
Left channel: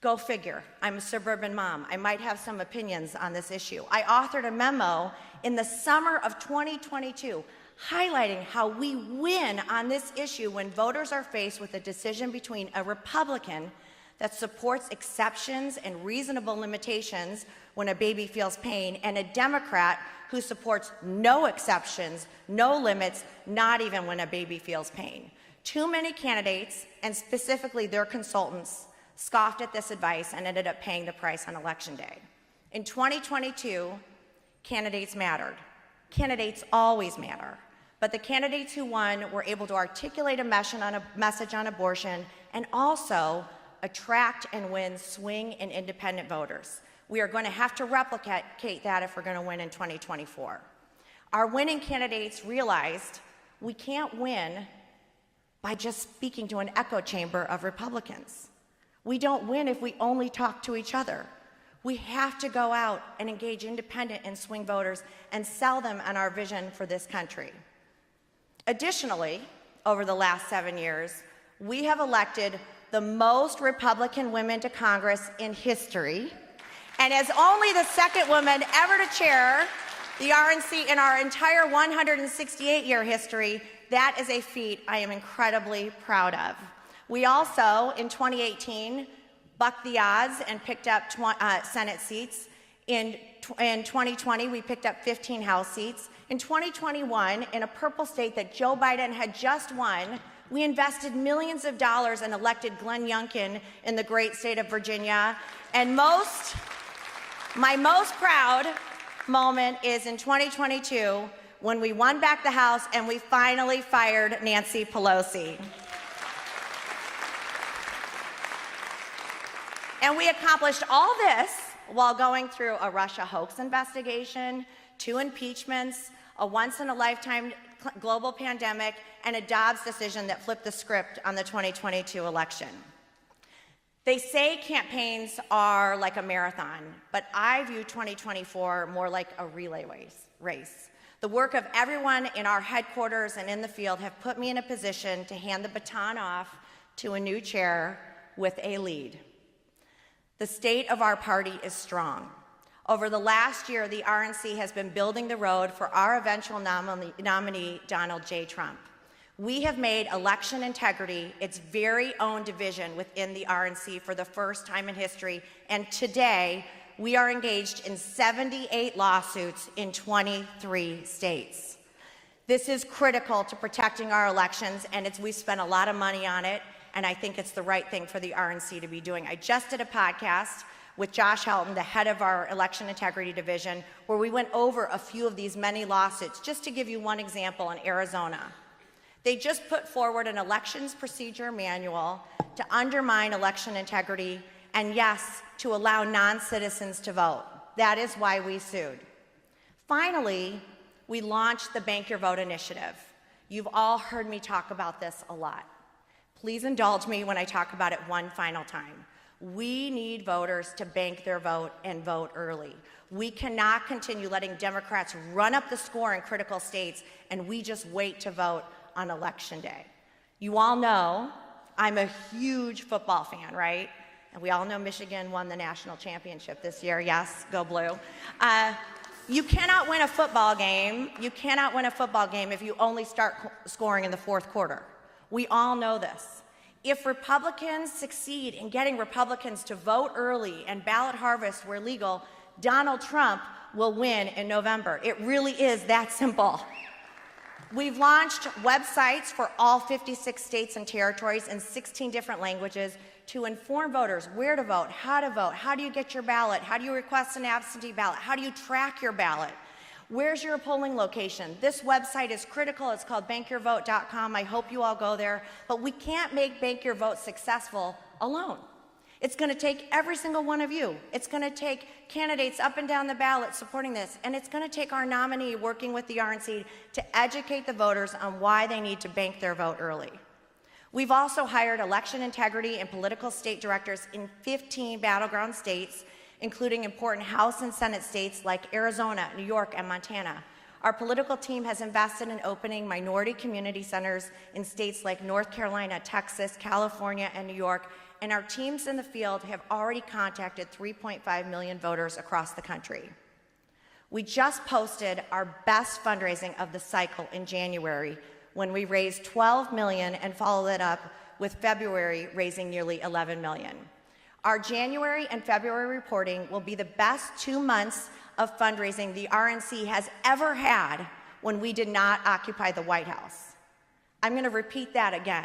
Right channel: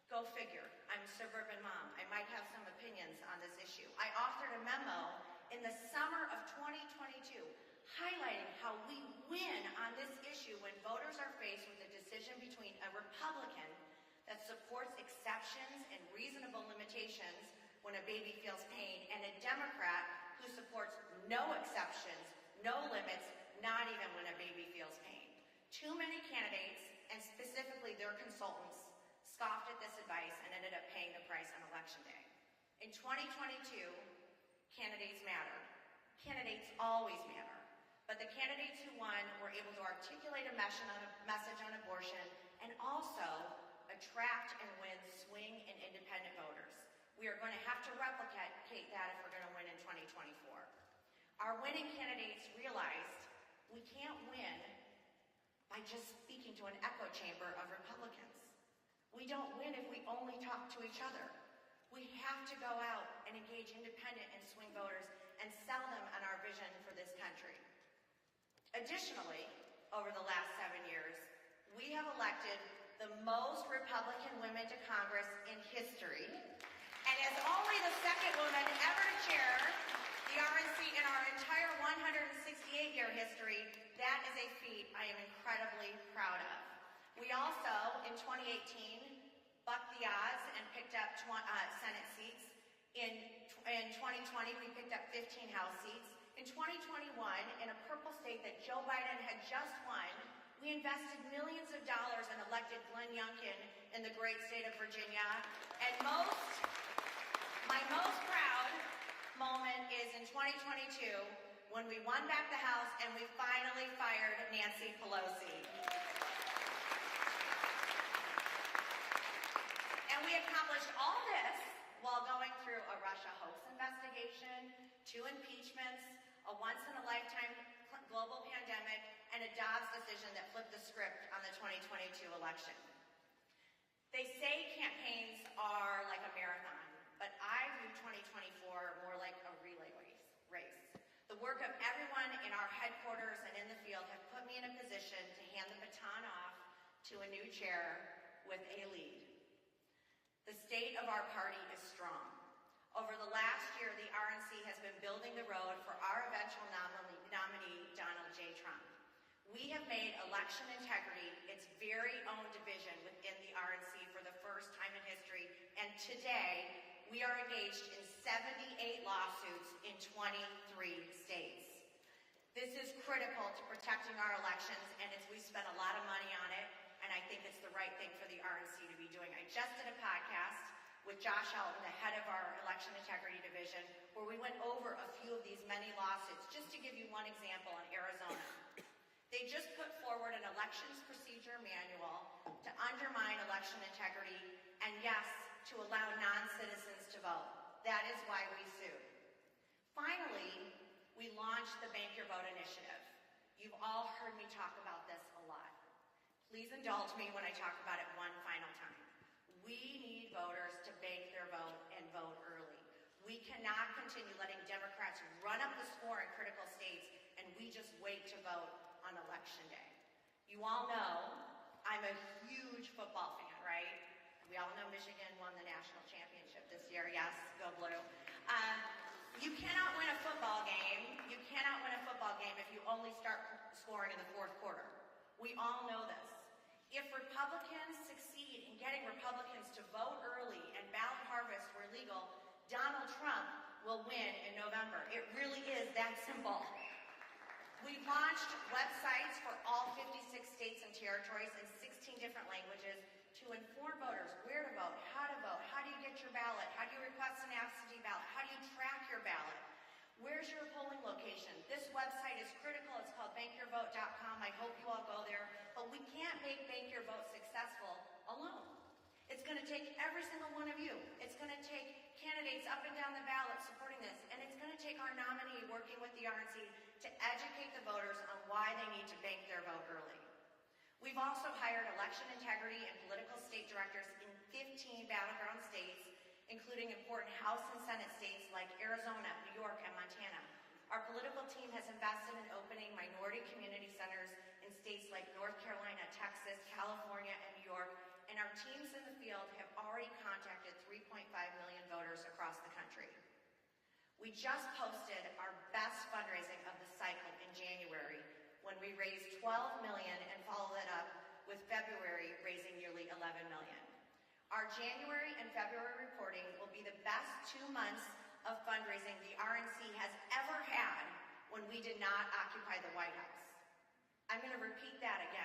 Go figure. I'm a suburban mom. I might have some opinions on this issue. I authored a memo in the summer of 2022 highlighting how we win on this issue when voters are faced with a decision between a Republican that supports exceptions and reasonable limitations when a baby feels pain and a Democrat who supports no exceptions, no limits, not even when a baby feels pain. Too many candidates, and specifically their consultants, scoffed at this advice and ended up paying the price on Election Day. In 2022, candidates mattered. Candidates always matter. But the candidates who won were able to articulate a message on abortion and also attract and win swing and independent voters. We are going to have to replicate that if we're going to win in 2024. Our winning candidates realized we can't win by just speaking to an echo chamber of Republicans. We don't win if we only talk to each other. We have to go out and engage independent and swing voters and sell them on our vision for this country. Additionally, over the last 7 years, we have elected the most Republican women to Congress in history, and as only the second woman ever to chair the RNC in our entire 168-year history. That is a feat I am incredibly proud of. We also, in 2018, bucked the odds and picked up Senate seats. In 2020, we picked up 15 House seats. In 2021, in a purple state that Joe Biden had just won, we invested millions of dollars and elected Glenn Youngkin in the great state of Virginia. And my most proud moment is in 2022 when we won back the House and we finally fired Nancy Pelosi. And we accomplished all this while going through a Russia hoax investigation, 2 impeachments, a once-in-a-lifetime global pandemic, and a Dobbs decision that flipped the script on the 2022 election. They say campaigns are like a marathon, but I view 2024 more like a relay race. The work of everyone in our headquarters and in the field have put me in a position to hand the baton off to a new chair with a lead. The state of our party is strong. Over the last year, the RNC has been building the road for our eventual nominee, Donald J. Trump. We have made election integrity its very own division within the RNC for the first time in history, and today we are engaged in 78 lawsuits in 23 states. This is critical to protecting our elections, and we spent a lot of money on it, and I think it's the right thing for the RNC to be doing. I just did a podcast with Josh Helton, the head of our election integrity division, where we went over a few of these many lawsuits. Just to give you one example, in Arizona, they just put forward an elections procedure manual to undermine election integrity and, yes, to allow non-citizens to vote. That is why we sued. Finally, we launched the Bank Your Vote initiative. You've all heard me talk about this a lot. Please indulge me when I talk about it one final time. We need voters to bank their vote and vote early. We cannot continue letting Democrats run up the score in critical states and we just wait to vote on Election Day. You all know I'm a huge football fan, right? And we all know Michigan won the national championship this year. Yes, go blue. You cannot win a football game. You cannot win a football game if you only start scoring in the fourth quarter. We all know this. If Republicans succeed in getting Republicans to vote early and ballot harvests were legal, Donald Trump will win in November. It really is that simple. We've launched websites for all 56 states and territories in 16 different languages to inform voters where to vote, how do you get your ballot, how do you request an absentee ballot, how do you track your ballot, where's your polling location. This website is critical. It's called bankyourvote.com. I hope you all go there, but we can't make Bank Your Vote successful alone. It's going to take every single one of you. It's going to take candidates up and down the ballot supporting this, and it's going to take our nominee working with the RNC to educate the voters on why they need to bank their vote early. We've also hired election integrity and political state directors in 15 battleground states, including important House and Senate states like Arizona, New York, and Montana. Our political team has invested in opening minority community centers in states like North Carolina, Texas, California, and New York, and our teams in the field have already contacted 3.5 million voters across the country. We just posted our best fundraising of the cycle in January when we raised $12 million and followed it up with February raising nearly $11 million. Our January and February reporting will be the best 2 months of fundraising the RNC has ever had when we did not occupy the White House. I'm going to repeat that again.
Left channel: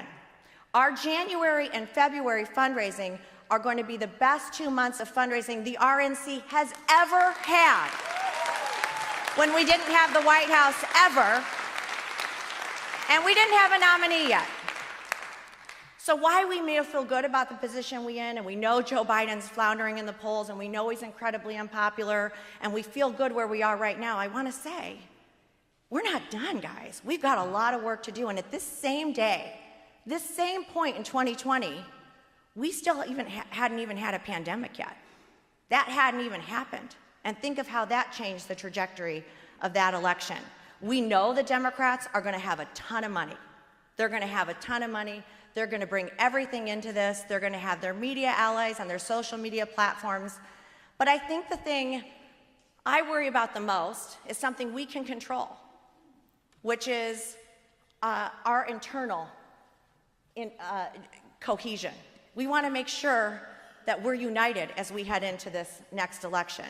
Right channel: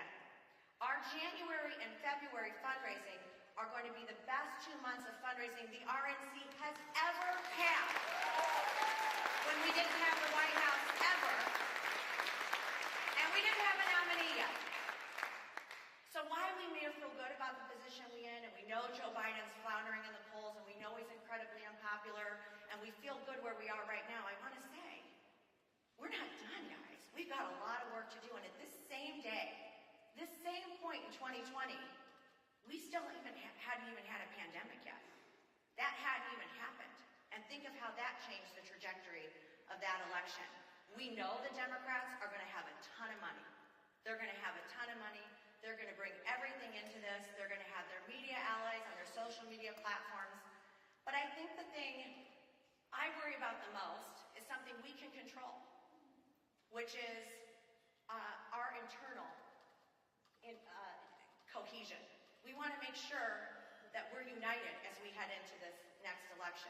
Our January and February fundraising are going to be the best 2 months of fundraising the RNC has ever had when we didn't have the White House ever, and we didn't have a nominee yet. So why we may feel good about the position we're in, and we know Joe Biden's floundering in the polls, and we know he's incredibly unpopular, and we feel good where we are right now, I want to say, we're not done, guys. We've got a lot of work to do, and at this same day, this same point in 2020, we still hadn't even had a pandemic yet. That hadn't even happened. And think of how that changed the trajectory of that election. We know the Democrats are going to have a ton of money. They're going to have a ton of money. They're going to bring everything into this. They're going to have their media allies on their social media platforms. But I think the thing I worry about the most is something we can control, which is our internal cohesion. We want to make sure that we're united as we head into this next election.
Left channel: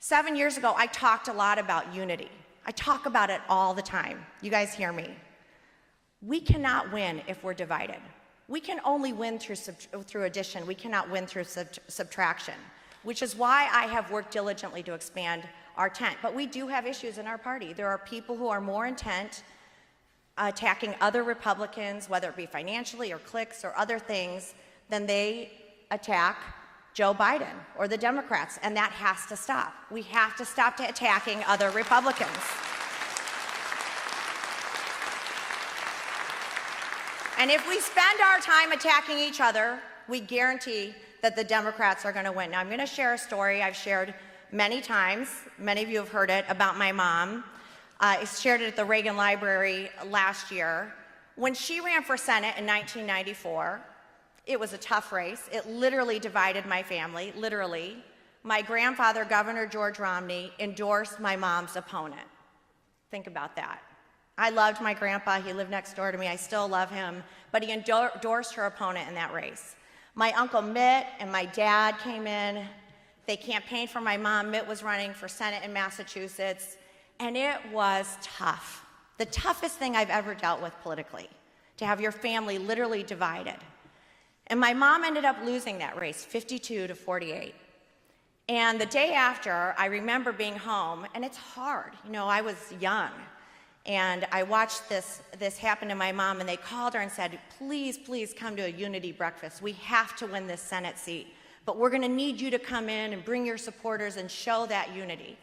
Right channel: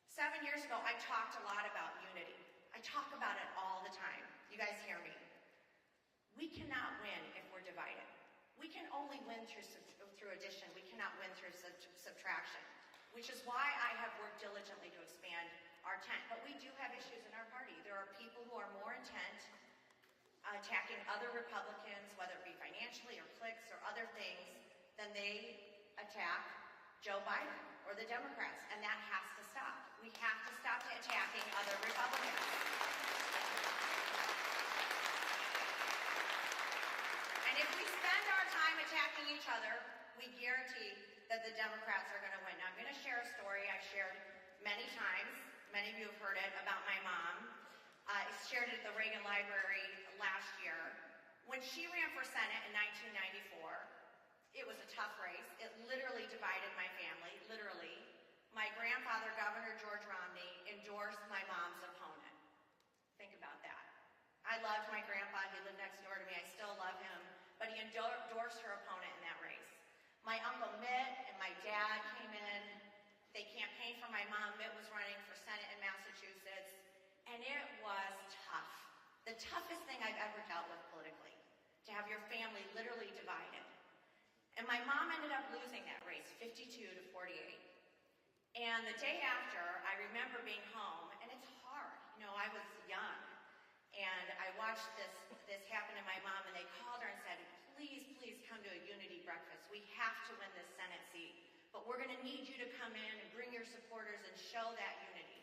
7 years ago, I talked a lot about unity. I talk about it all the time. You guys hear me. We cannot win if we're divided. We can only win through addition. We cannot win through subtraction, which is why I have worked diligently to expand our tent. But we do have issues in our party. There are people who are more intent attacking other Republicans, whether it be financially or cliques or other things, than they attack Joe Biden or the Democrats, and that has to stop. We have to stop attacking other Republicans. And if we spend our time attacking each other, we guarantee that the Democrats are going to win. Now, I'm going to share a story I've shared many times. Many of you have heard it about my mom. I shared it at the Reagan Library last year. When she ran for Senate in 1994, it was a tough race. It literally divided my family, literally. My grandfather, Governor George Romney, endorsed my mom's opponent. Think about that. I loved my grandpa. He lived next door to me. I still love him. But he endorsed her opponent in that race. My Uncle Mitt and my dad came in. They campaigned for my mom. Mitt was running for Senate in Massachusetts. And it was tough. The toughest thing I've ever dealt with politically, to have your family literally divided. And my mom ended up losing that race, 52-48. And the day after, I remember being home, and it's hard. You know, I was young, and I watched this happen to my mom, and they called her and said, please, please come to a unity breakfast. We have to win this Senate seat, but we're gonna need you to come in and bring your supporters and show that unity.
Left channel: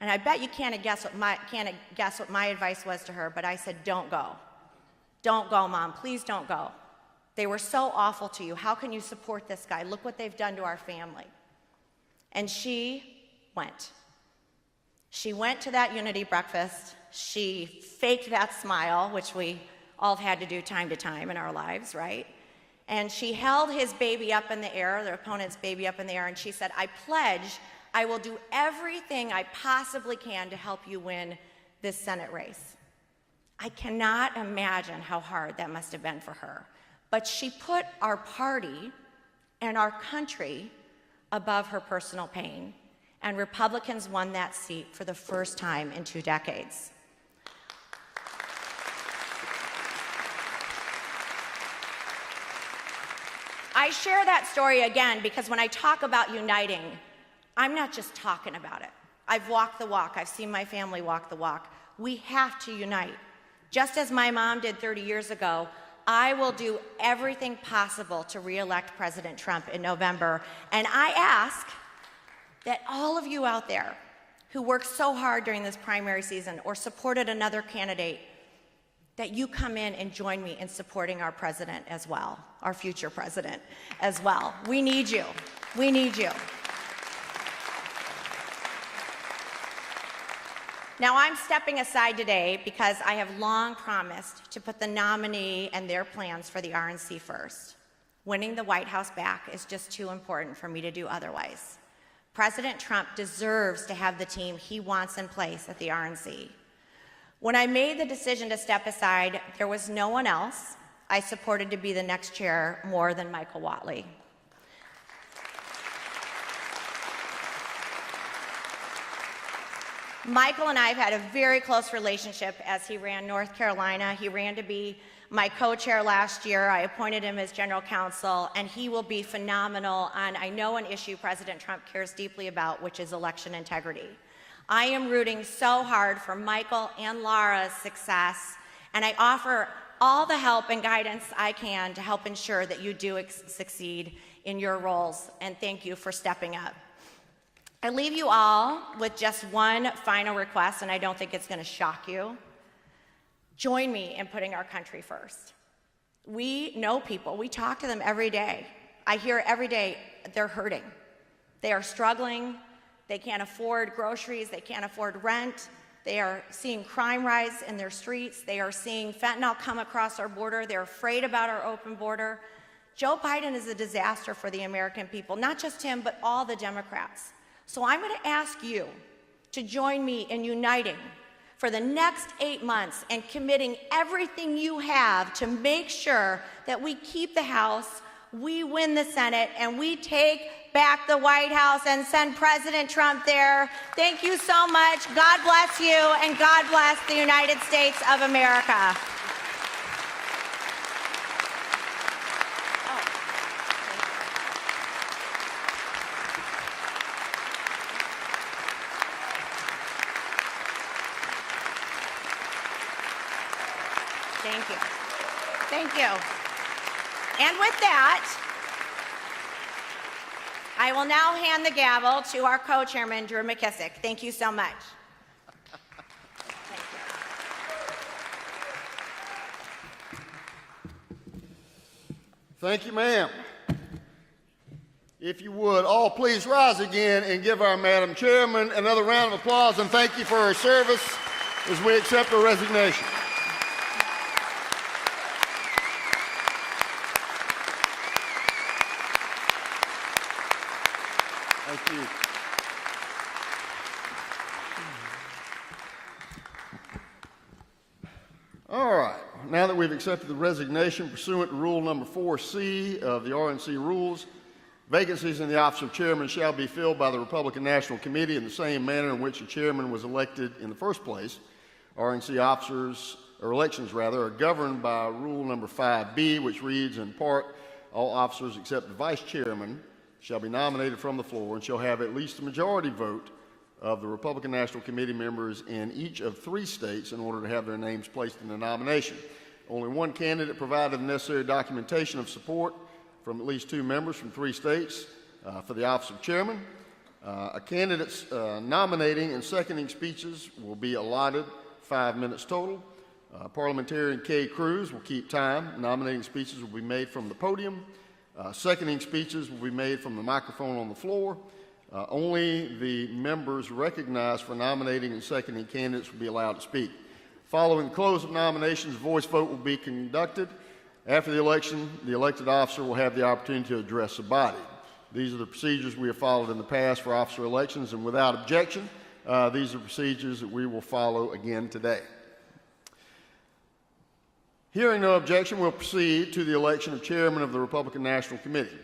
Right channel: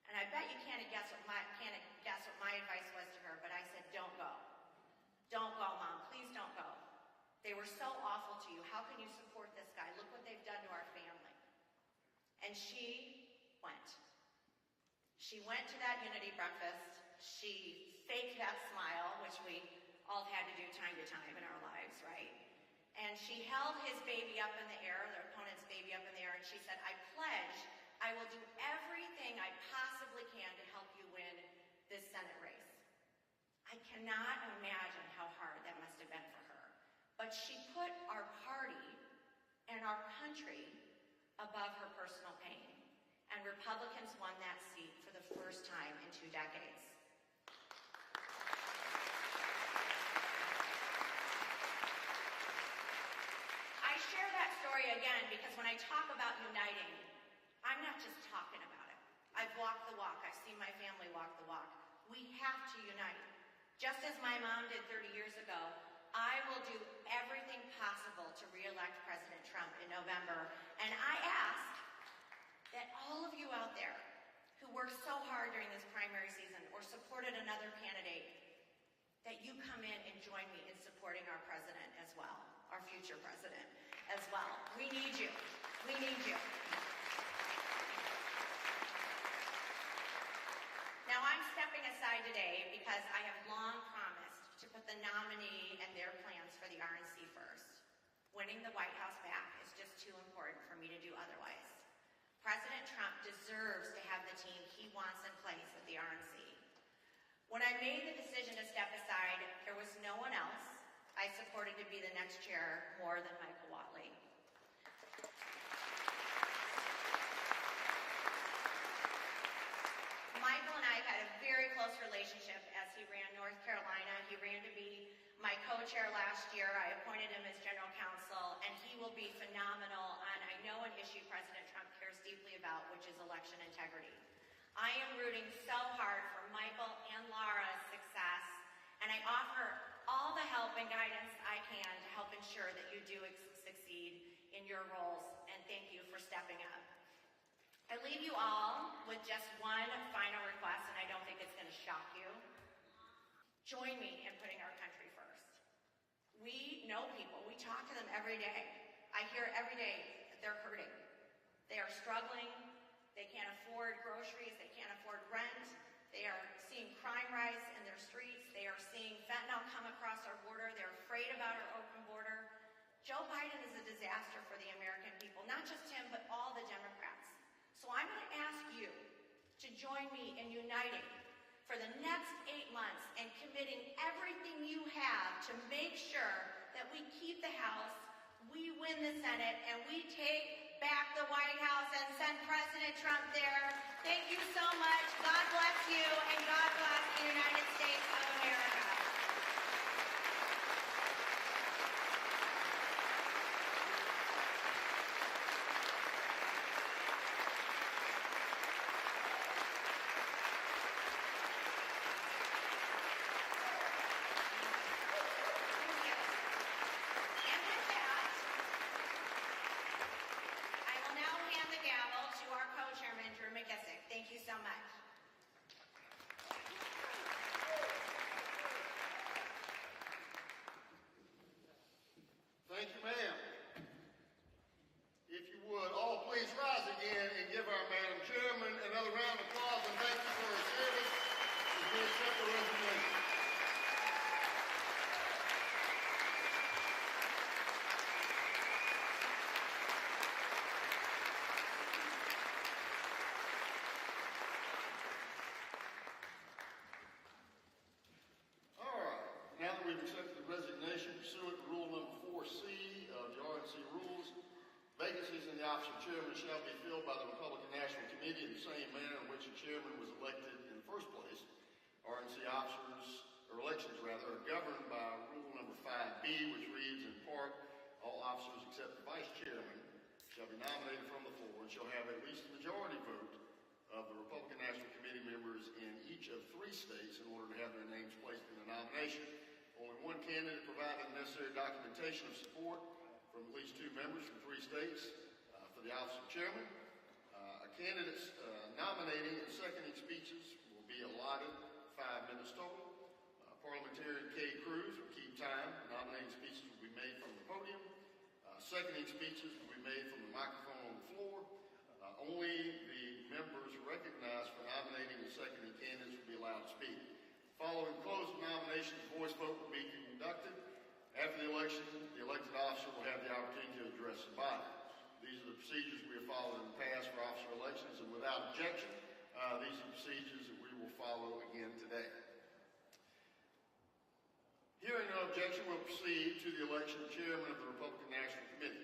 And I bet you can't guess what my advice was to her, but I said, don't go. Don't go, Mom, please don't go. They were so awful to you. How can you support this guy? Look what they've done to our family. And she went. She went to that unity breakfast. She faked that smile, which we all had to do time to time in our lives, right? And she held his baby up in the air, their opponent's baby up in the air, and she said, I pledge I will do everything I possibly can to help you win this Senate race. I cannot imagine how hard that must have been for her. But she put our party and our country above her personal pain, and Republicans won that seat for the first time in 2 decades. I share that story again because when I talk about uniting, I'm not just talking about it. I've walked the walk. I've seen my family walk the walk. We have to unite. Just as my mom did 30 years ago, I will do everything possible to re-elect President Trump in November. And I ask that all of you out there who worked so hard during this primary season or supported another candidate, that you come in and join me in supporting our president as well, our future president as well. We need you. We need you. Now, I'm stepping aside today because I have long promised to put the nominee and their plans for the RNC first. Winning the White House back is just too important for me to do otherwise. President Trump deserves to have the team he wants in place at the RNC. When I made the decision to step aside, there was no one else I supported to be the next chair more than Michael Watley. Michael and I have had a very close relationship as he ran North Carolina. He ran to be my co-chair last year. I appointed him as general counsel, and he will be phenomenal on, I know, an issue President Trump cares deeply about, which is election integrity. I am rooting so hard for Michael and Lara's success, and I offer all the help and guidance I can to help ensure that you do succeed in your roles, and thank you for stepping up. I leave you all with just one final request, and I don't think it's going to shock you. Join me in putting our country first. We know people. We talk to them every day. I hear every day they're hurting. They are struggling. They can't afford groceries. They can't afford rent. They are seeing crime rise in their streets. They are seeing fentanyl come across our border. They're afraid about our open border. Joe Biden is a disaster for the American people, not just him, but all the Democrats. So I'm going to ask you to join me in uniting for the next 8 months and committing everything you have to make sure that we keep the House, we win the Senate, and we take back the White House and send President Trump there. Thank you so much. God bless you, and God bless the United States of America. Thank you. Thank you. And with that, I will now hand the gavel to our co-chairman, Drew McKissick. Thank you so much. Thank you, ma'am. If you would, all please rise again and give our Madam Chairman another round of applause, and thank you for her service as we accept her resignation. Thank you. All right. Now that we've accepted the resignation pursuant to Rule number 4C of the RNC rules, vacancies in the office of chairman shall be filled by the Republican National Committee in the same manner in which the chairman was elected in the first place. RNC officers, or elections rather, are governed by Rule number 5B, which reads in part, all officers except the vice chairman shall be nominated from the floor and shall have at least a majority vote of the Republican National Committee members in each of 3 states in order to have their names placed in the nomination. Only one candidate provided the necessary documentation of support from at least 2 members from 3 states for the office of chairman. A candidate's nominating and seconding speeches will be allotted 5 minutes total. Parliamentarian Kay Cruz will keep time. Nominating speeches will be made from the podium. Seconding speeches will be made from the microphone on the floor. Only the members recognized for nominating and seconding candidates will be allowed to speak. Following the close of nominations, a voice vote will be conducted. After the election, the elected officer will have the opportunity to address the body. These are the procedures we have followed in the past for officer elections, and without objection, these are procedures that we will follow again today. Hearing no objection, we'll proceed to the election of chairman of the Republican National Committee.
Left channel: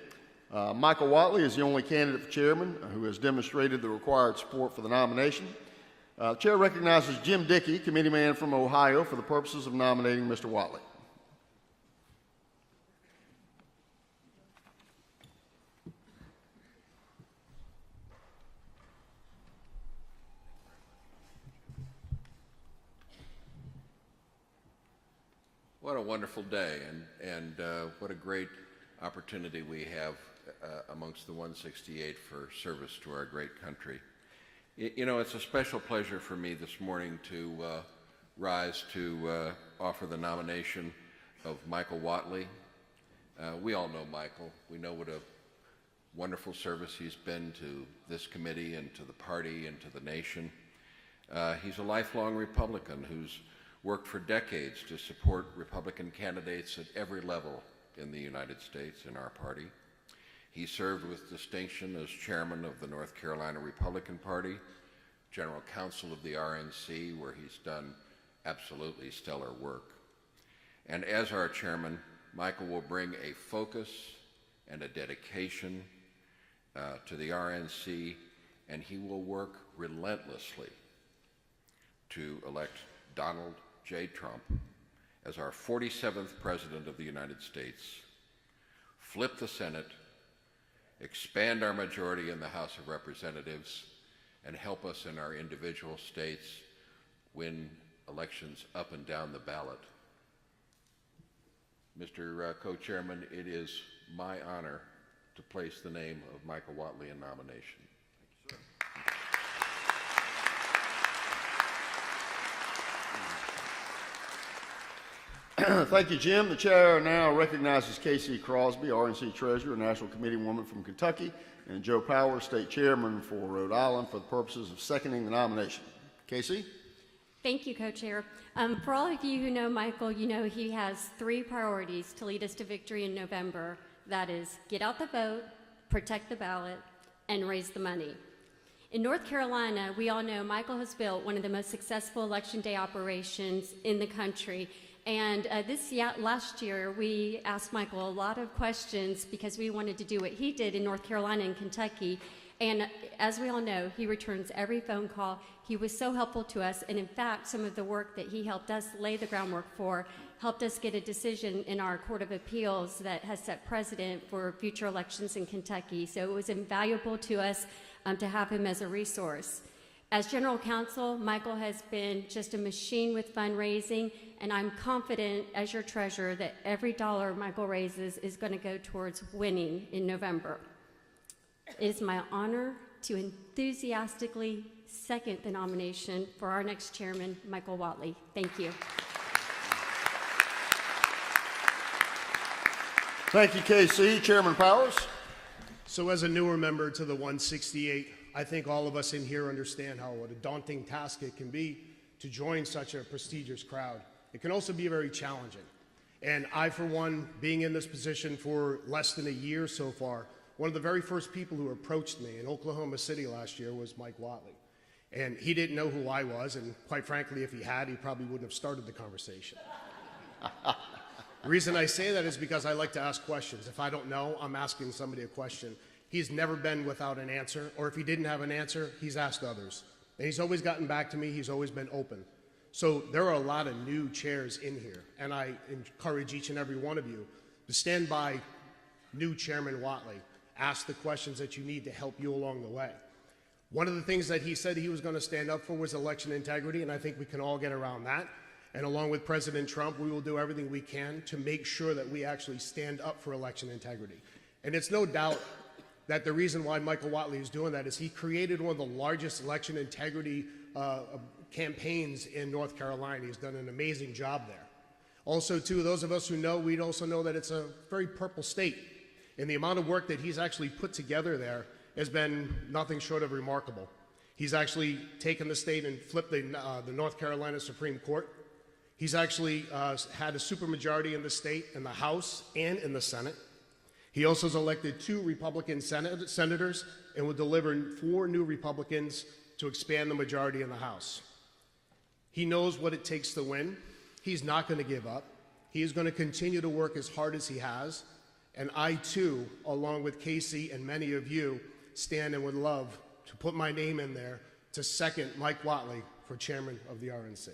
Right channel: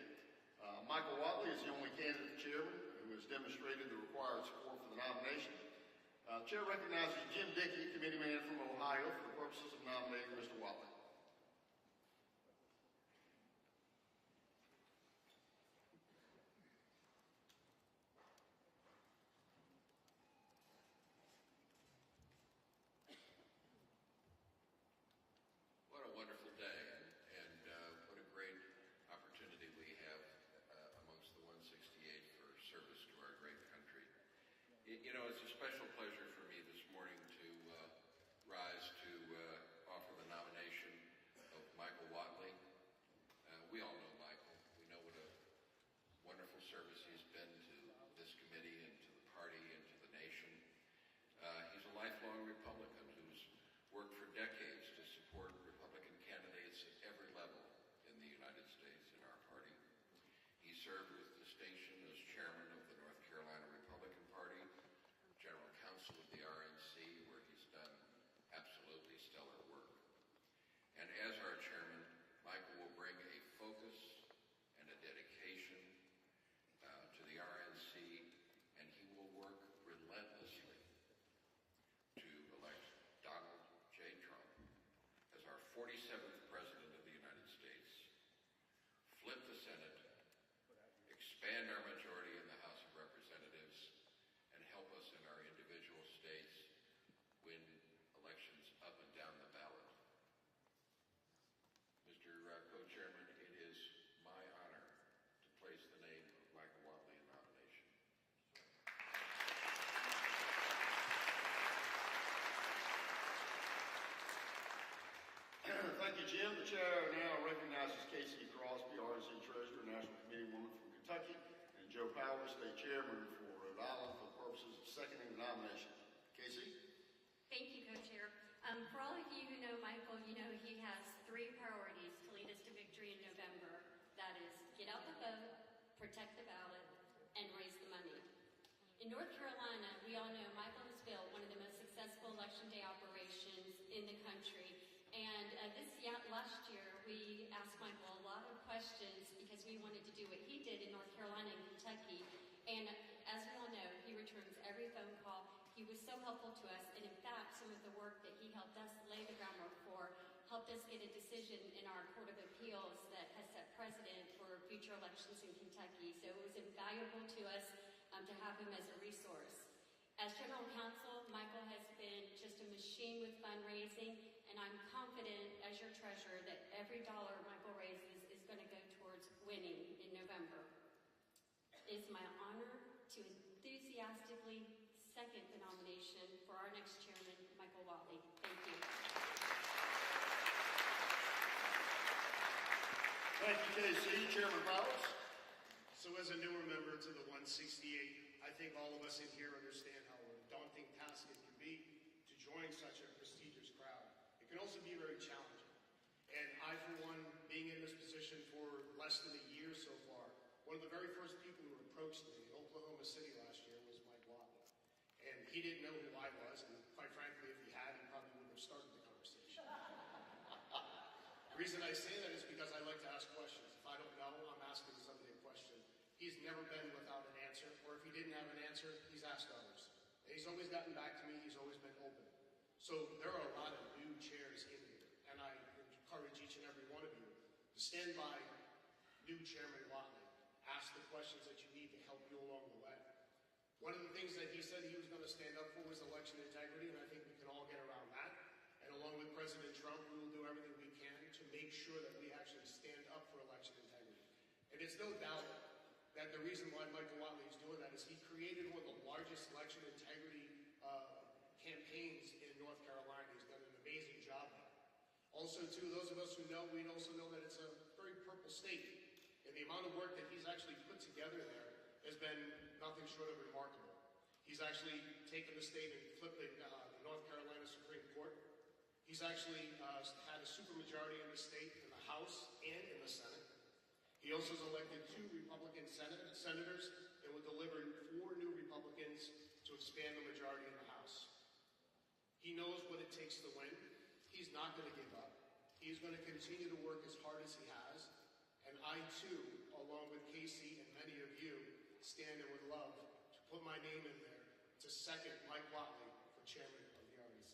Michael Watley is the only candidate for chairman who has demonstrated the required support for the nomination. The chair recognizes Jim Dickey, committeeman from Ohio, for the purposes of nominating Mr. Watley. What a wonderful day, and what a great opportunity we have amongst the 168 for service to our great country. You know, it's a special pleasure for me this morning to rise to offer the nomination of Michael Watley. We all know Michael. We know what a wonderful service he's been to this committee and to the party and to the nation. He's a lifelong Republican who's worked for decades to support Republican candidates at every level in the United States in our party. He served with distinction as chairman of the North Carolina Republican Party, general counsel of the RNC, where he's done absolutely stellar work. And as our chairman, Michael will bring a focus and a dedication to the RNC, and he will work relentlessly to elect Donald J. Trump as our 47th President of the United States, flip the Senate, expand our majority in the House of Representatives, and help us in our individual states win elections up and down the ballot. Mr. Co-Chairman, it is my honor to place the name of Michael Watley in nomination. Thank you, Jim. The chair now recognizes Casey Crosby, RNC Treasurer, National Committee woman from Kentucky, and Joe Powers, State Chairman for Rhode Island, for the purposes of seconding the nomination. Casey? Thank you, Co-Chair. For all of you who know Michael, you know he has 3 priorities to lead us to victory in November. That is, get out the vote, protect the ballot, and raise the money. In North Carolina, we all know Michael has built one of the most successful Election Day operations in the country. And last year, we asked Michael a lot of questions because we wanted to do what he did in North Carolina and Kentucky. And as we all know, he returns every phone call. He was so helpful to us, and in fact, some of the work that he helped us lay the groundwork for helped us get a decision in our Court of Appeals that has set precedent for future elections in Kentucky. So it was invaluable to us to have him as a resource. As General Counsel, Michael has been just a machine with fundraising, and I'm confident as your treasurer that every dollar Michael raises is going to go towards winning in November. It is my honor to enthusiastically second the nomination for our next chairman, Michael Watley. Thank you. Thank you, KC. Chairman Powers. So as a newer member to the 168, I think all of us in here understand what a daunting task it can be to join such a prestigious crowd. It can also be very challenging. And I, for one, being in this position for less than a year so far, one of the very first people who approached me in Oklahoma City last year was Mike Watley. And he didn't know who I was, and quite frankly, if he had, he probably wouldn't have started the conversation. The reason I say that is because I like to ask questions. If I don't know, I'm asking somebody a question. He's never been without an answer, or if he didn't have an answer, he's asked others. And he's always gotten back to me, he's always been open. So there are a lot of new chairs in here, and I encourage each and every one of you to stand by new Chairman Watley. Ask the questions that you need to help you along the way. One of the things that he said he was going to stand up for was election integrity, and I think we can all get around that. And along with President Trump, we will do everything we can to make sure that we actually stand up for election integrity. And it's no doubt that the reason why Michael Watley is doing that is he created one of the largest election integrity campaigns in North Carolina. He's done an amazing job there. Also, too, those of us who know, we'd also know that it's a very purple state. And the amount of work that he's actually put together there has been nothing short of remarkable. He's actually taken the state and flipped the North Carolina Supreme Court. He's actually had a supermajority in the state, in the House and in the Senate. He also has elected 2 Republican senators and will deliver 4 new Republicans to expand the majority in the House. He knows what it takes to win. He's not going to give up. He is going to continue to work as hard as he has. And I, too, along with Casey and many of you, stand and would love to put my name in there to second Mike Watley for chairman of the RNC.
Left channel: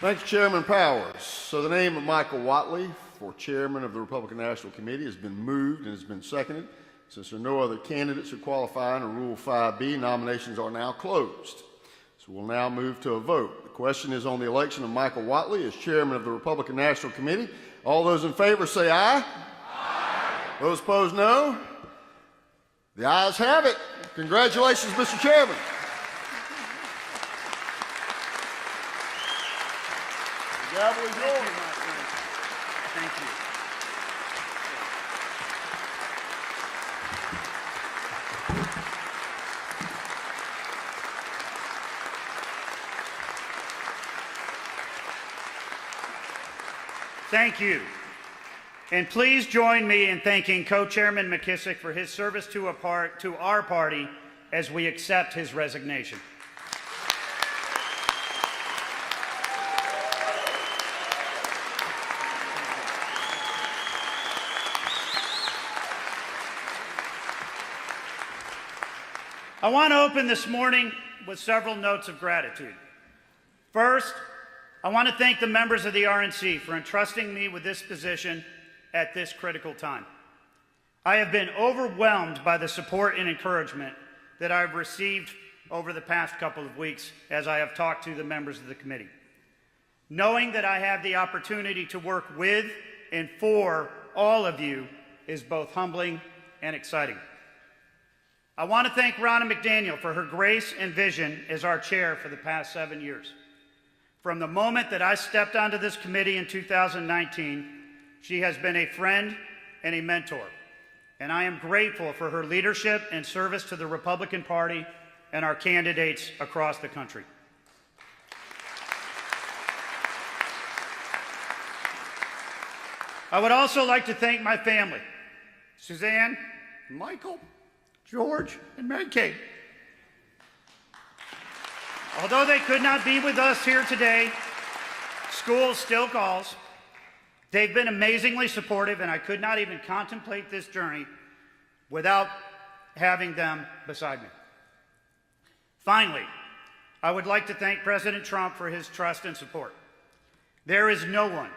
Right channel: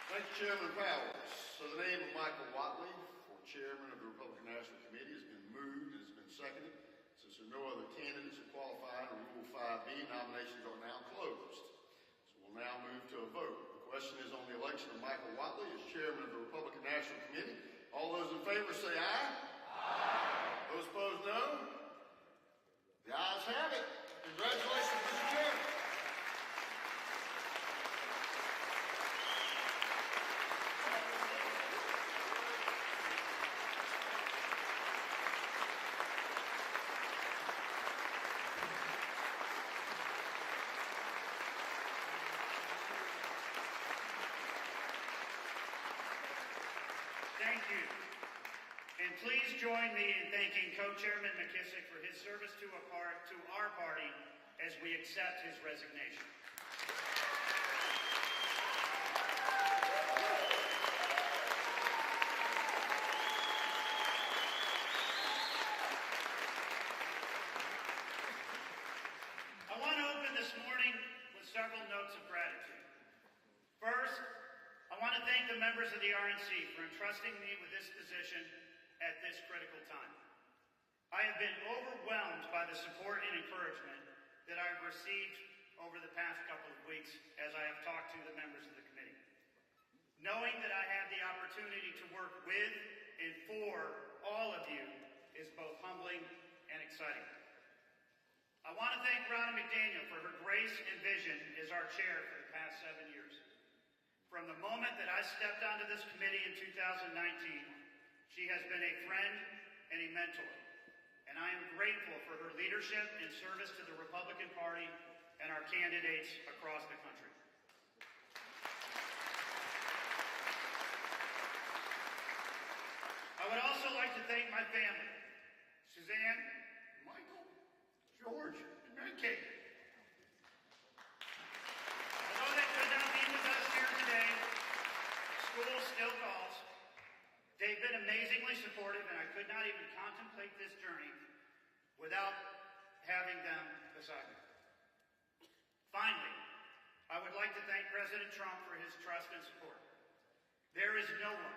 Thank you, Chairman Powers. So the name of Michael Watley for chairman of the Republican National Committee has been moved and has been seconded. Since there are no other candidates who qualify under Rule 5B, nominations are now closed. So we'll now move to a vote. The question is on the election of Michael Watley as chairman of the Republican National Committee. All those in favor say aye. Aye. Those opposed, no. The ayes have it. Congratulations, Mr. Chairman. The gavel is yours. Thank you. Thank you. And please join me in thanking Co-Chairman McKissick for his service to our party as we accept his resignation. I want to open this morning with several notes of gratitude. First, I want to thank the members of the RNC for entrusting me with this position at this critical time. I have been overwhelmed by the support and encouragement that I've received over the past couple of weeks as I have talked to the members of the committee. Knowing that I have the opportunity to work with and for all of you is both humbling and exciting. I want to thank Lara McDaniel for her grace and vision as our chair for the past 7 years. From the moment that I stepped onto this committee in 2019, she has been a friend and a mentor. and I am grateful for her leadership and service to the Republican Party and our candidates across the country. I would also like to thank my family, Suzanne, Michael, George, and Mary Kate. Although they could not be with us here today, school still calls. They've been amazingly supportive, and I could not even contemplate this journey without having them beside me. Finally, I would like to thank President Trump for his trust and support. There is no one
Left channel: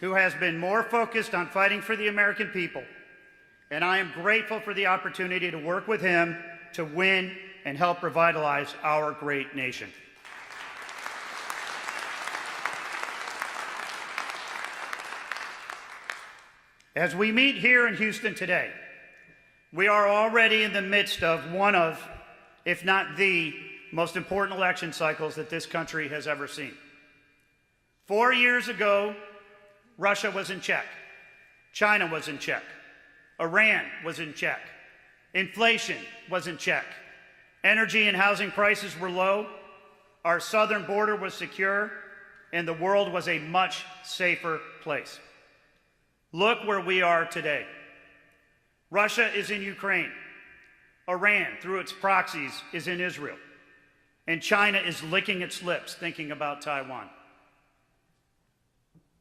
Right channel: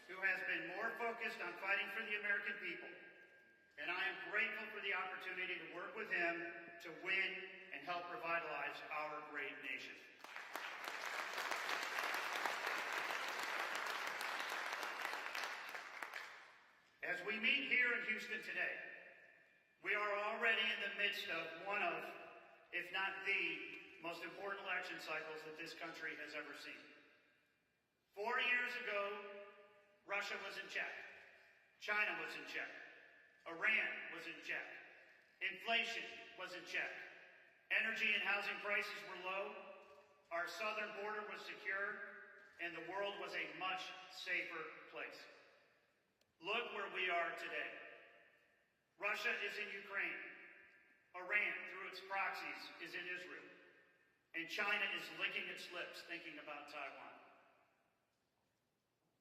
who has been more focused on fighting for the American people, and I am grateful for the opportunity to work with him to win and help revitalize our great nation. As we meet here in Houston today, we are already in the midst of one of, if not the, most important election cycles that this country has ever seen. 4 years ago, Russia was in check. China was in check. Iran was in check. Inflation was in check. Energy and housing prices were low. Our southern border was secure, and the world was a much safer place. Look where we are today. Russia is in Ukraine. Iran, through its proxies, is in Israel. And China is licking its lips thinking about Taiwan.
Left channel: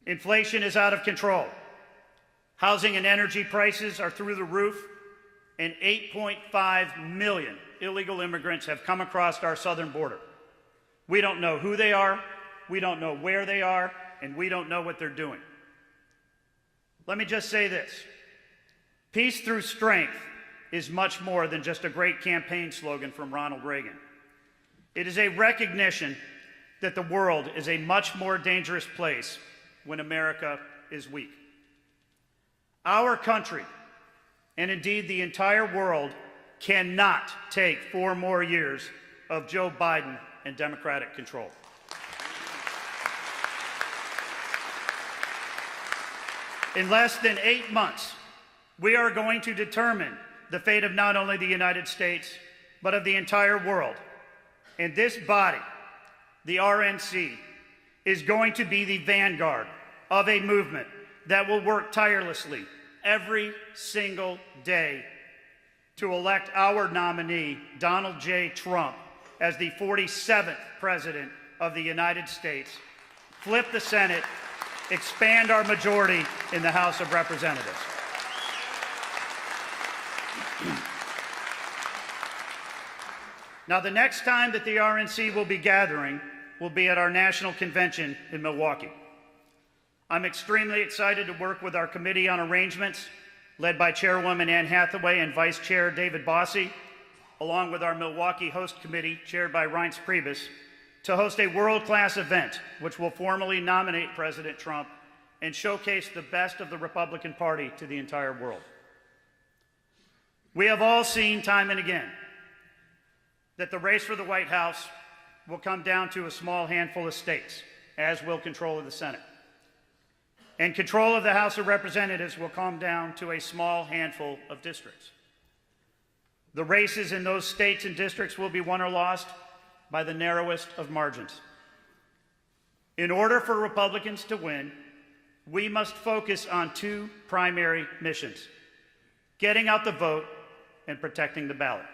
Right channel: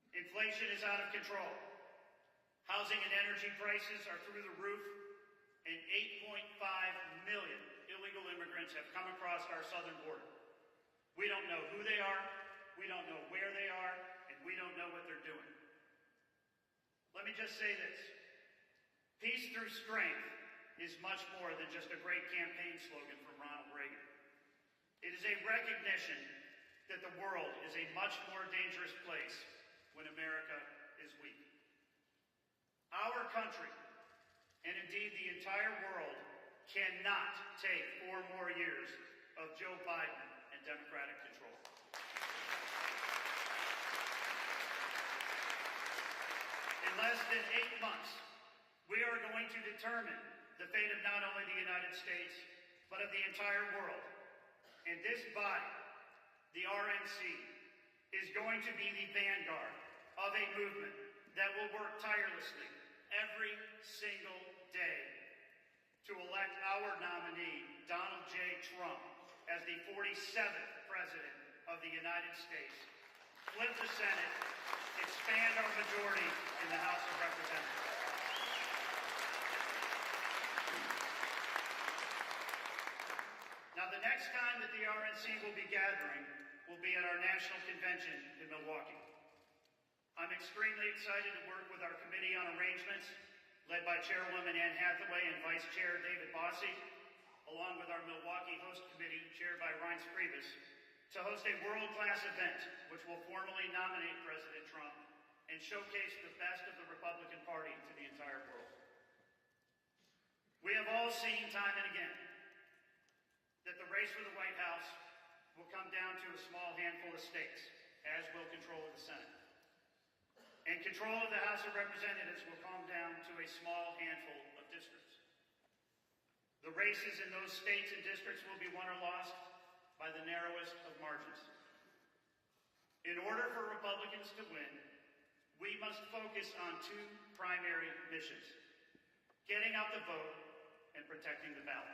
Inflation is out of control. Housing and energy prices are through the roof, and 8.5 million illegal immigrants have come across our southern border. We don't know who they are, we don't know where they are, and we don't know what they're doing. Let me just say this. Peace through strength is much more than just a great campaign slogan from Ronald Reagan. It is a recognition that the world is a much more dangerous place when America is weak. Our country, and indeed the entire world, cannot take 4 more years of Joe Biden and Democratic control. In less than 8 months, we are going to determine the fate of not only the United States, but of the entire world. And this body, the RNC, is going to be the vanguard of a movement that will work tirelessly every single day to elect our nominee, Donald J. Trump, as the 47th President of the United States, flip the Senate, expand our majority in the House of Representatives. Now, the next time that the RNC will be gathering will be at our national convention in Milwaukee. I'm extremely excited to work with our Committee on Arrangements, led by Chairwoman Ann Hathaway and Vice Chair David Bossie, along with our Milwaukee Host Committee, chaired by Reince Priebus, to host a world-class event which will formally nominate President Trump and showcase the best of the Republican Party to the entire world. We have all seen time and again that the race for the White House will come down to a small handful of states, as will control of the Senate. And control of the House of Representatives will come down to a small handful of districts. The races in those states and districts will be won or lost by the narrowest of margins. In order for Republicans to win, we must focus on 2 primary missions: getting out the vote and protecting the ballot,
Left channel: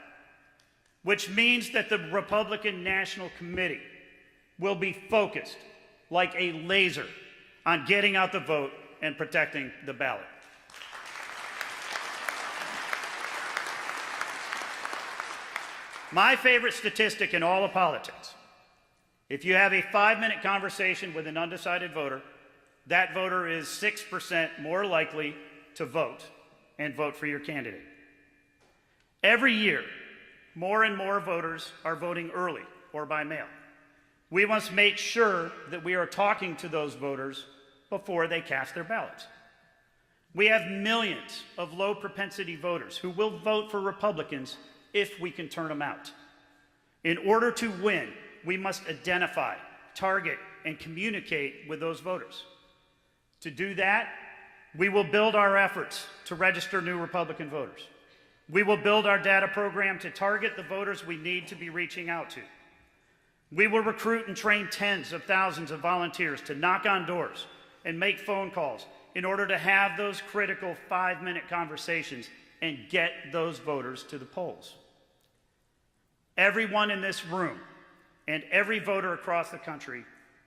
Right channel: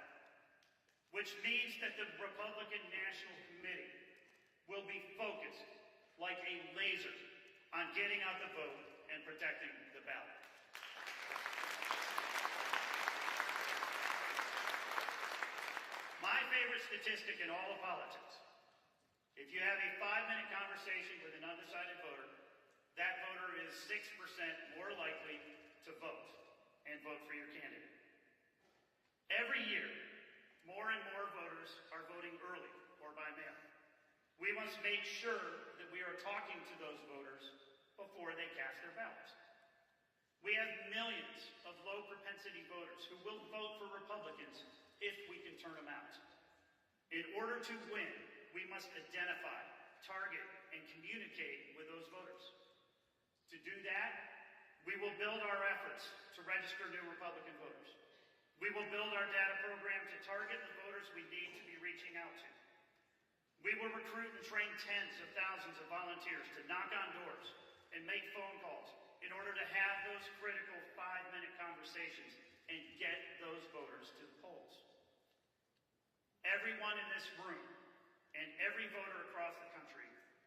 which means that the Republican National Committee will be focused like a laser on getting out the vote and protecting the ballot. My favorite statistic in all of politics: if you have a 5-minute conversation with an undecided voter, that voter is 6% more likely to vote and vote for your candidate. Every year, more and more voters are voting early or by mail. We must make sure that we are talking to those voters before they cast their ballots. We have millions of low propensity voters who will vote for Republicans if we can turn them out. In order to win, we must identify, target, and communicate with those voters. To do that, We will build our efforts to register new Republican voters. We will build our data program to target the voters we need to be reaching out to. We will recruit and train tens of thousands of volunteers to knock on doors and make phone calls in order to have those critical 5-minute conversations and get those voters to the polls. Everyone in this room and every voter across the country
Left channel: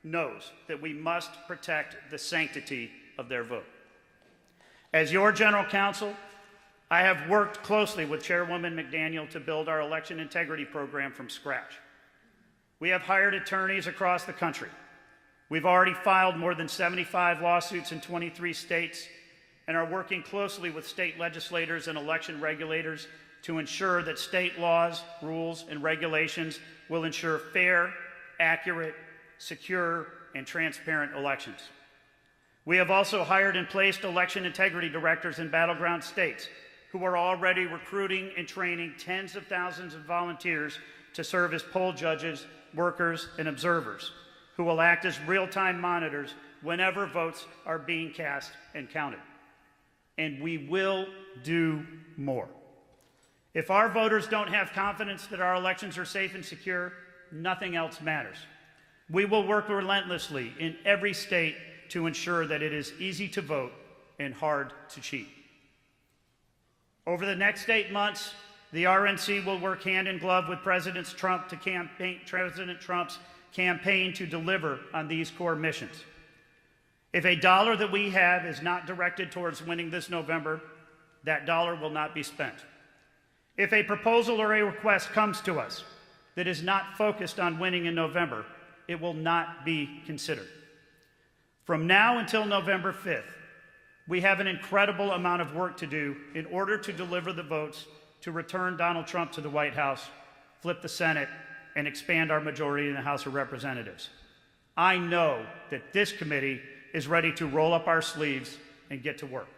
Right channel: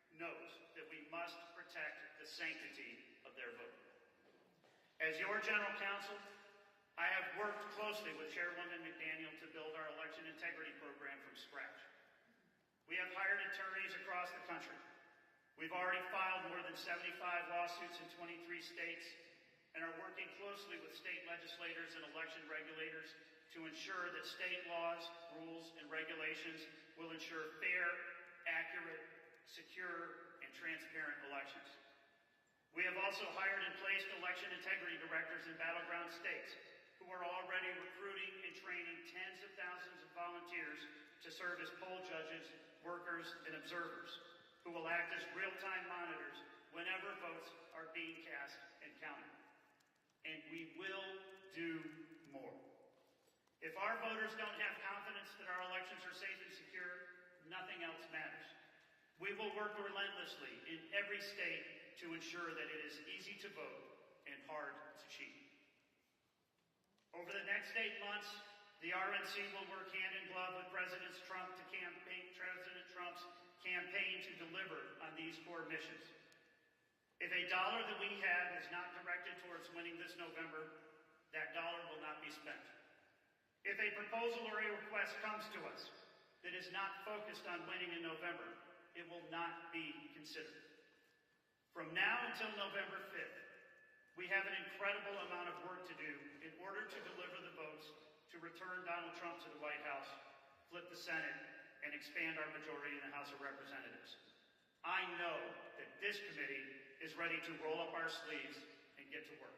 knows that we must protect the sanctity of their vote. As your general counsel, I have worked closely with Chairwoman McDaniel to build our election integrity program from scratch. We have hired attorneys across the country. We've already filed more than 75 lawsuits in 23 states and are working closely with state legislators and election regulators to ensure that state laws, rules, and regulations will ensure fair, accurate, secure, and transparent elections. We have also hired and placed election integrity directors in battleground states who are already recruiting and training tens of thousands of volunteers to serve as poll judges, workers, and observers, who will act as real-time monitors whenever votes are being cast and counted. And we will do more. If our voters don't have confidence that our elections are safe and secure, nothing else matters. We will work relentlessly in every state to ensure that it is easy to vote and hard to cheat. Over the next 8 months, the RNC will work hand in glove with President Trump's campaign to deliver on these core missions. If a dollar that we have is not directed towards winning this November, that dollar will not be spent. If a proposal or a request comes to us that is not focused on winning in November, it will not be considered. From now until November 5th, we have an incredible amount of work to do in order to deliver the votes to return Donald Trump to the White House, flip the Senate, and expand our majority in the House of Representatives. I know that this committee is ready to roll up our sleeves and get to work.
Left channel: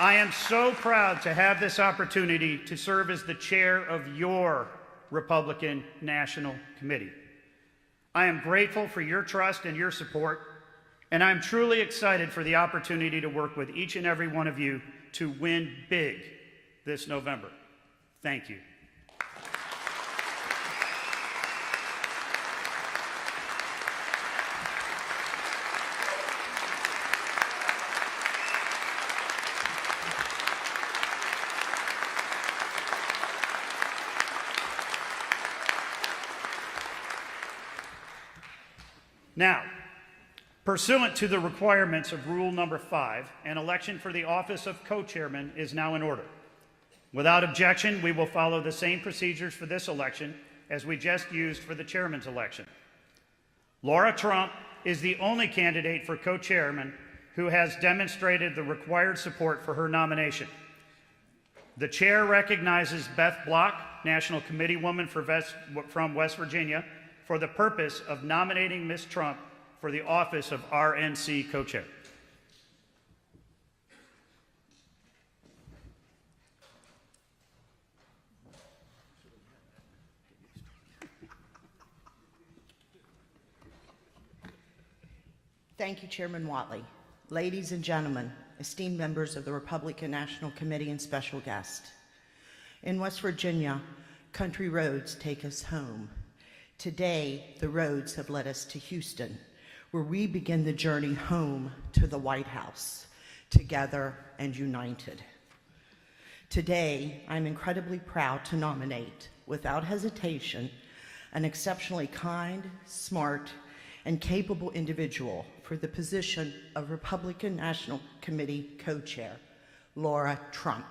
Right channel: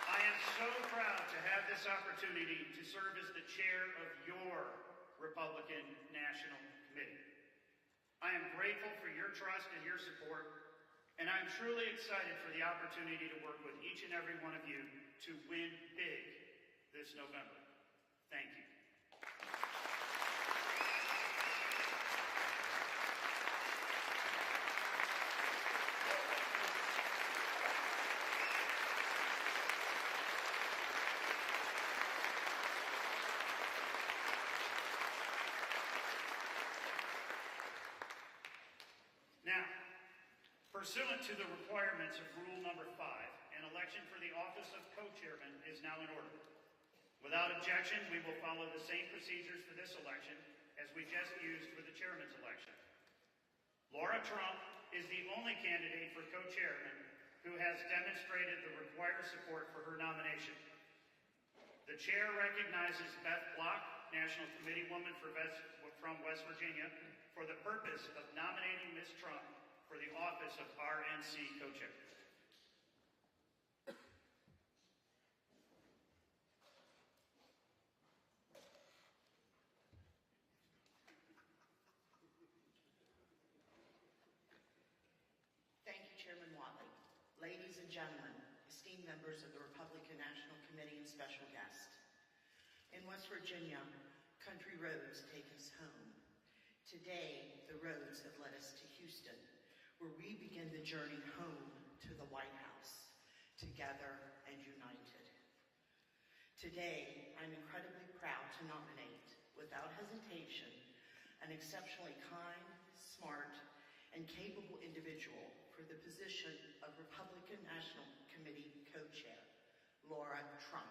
I am so proud to have this opportunity to serve as the chair of your Republican National Committee. I am grateful for your trust and your support, and I'm truly excited for the opportunity to work with each and every one of you to win big this November. Thank you. Now, pursuant to the requirements of Rule Number 5, an election for the office of co-chairman is now in order. Without objection, we will follow the same procedures for this election as we just used for the chairman's election. Lara Trump is the only candidate for co-chairman who has demonstrated the required support for her nomination. The chair recognizes Beth Block, National Committeewoman from West Virginia, for the purpose of nominating Ms. Trump for the office of RNC co-chair. Thank you, Chairman Watley. Ladies and gentlemen, esteemed members of the Republican National Committee and special guest. In West Virginia, country roads take us home. Today, the roads have led us to Houston, where we begin the journey home to the White House, together and united. Today, I'm incredibly proud to nominate, without hesitation, an exceptionally kind, smart, and capable individual for the position of Republican National Committee co-chair, Lara Trump.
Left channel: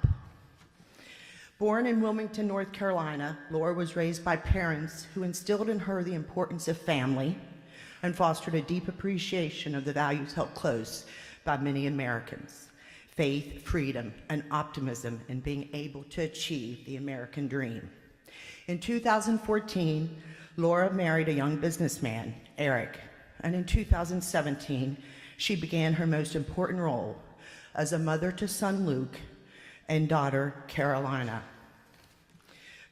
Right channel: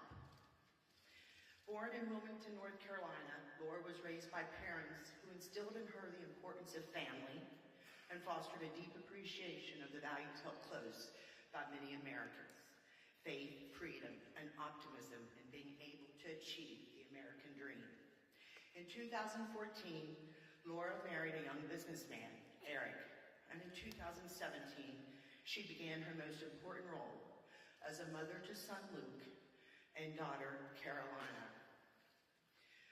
Born in Wilmington, North Carolina, Lara was raised by parents who instilled in her the importance of family and fostered a deep appreciation of the values held close by many Americans: faith, freedom, and optimism in being able to achieve the American dream. In 2014, Lara married a young businessman, Eric, and in 2017, she began her most important role as a mother to son Luke and daughter Carolina.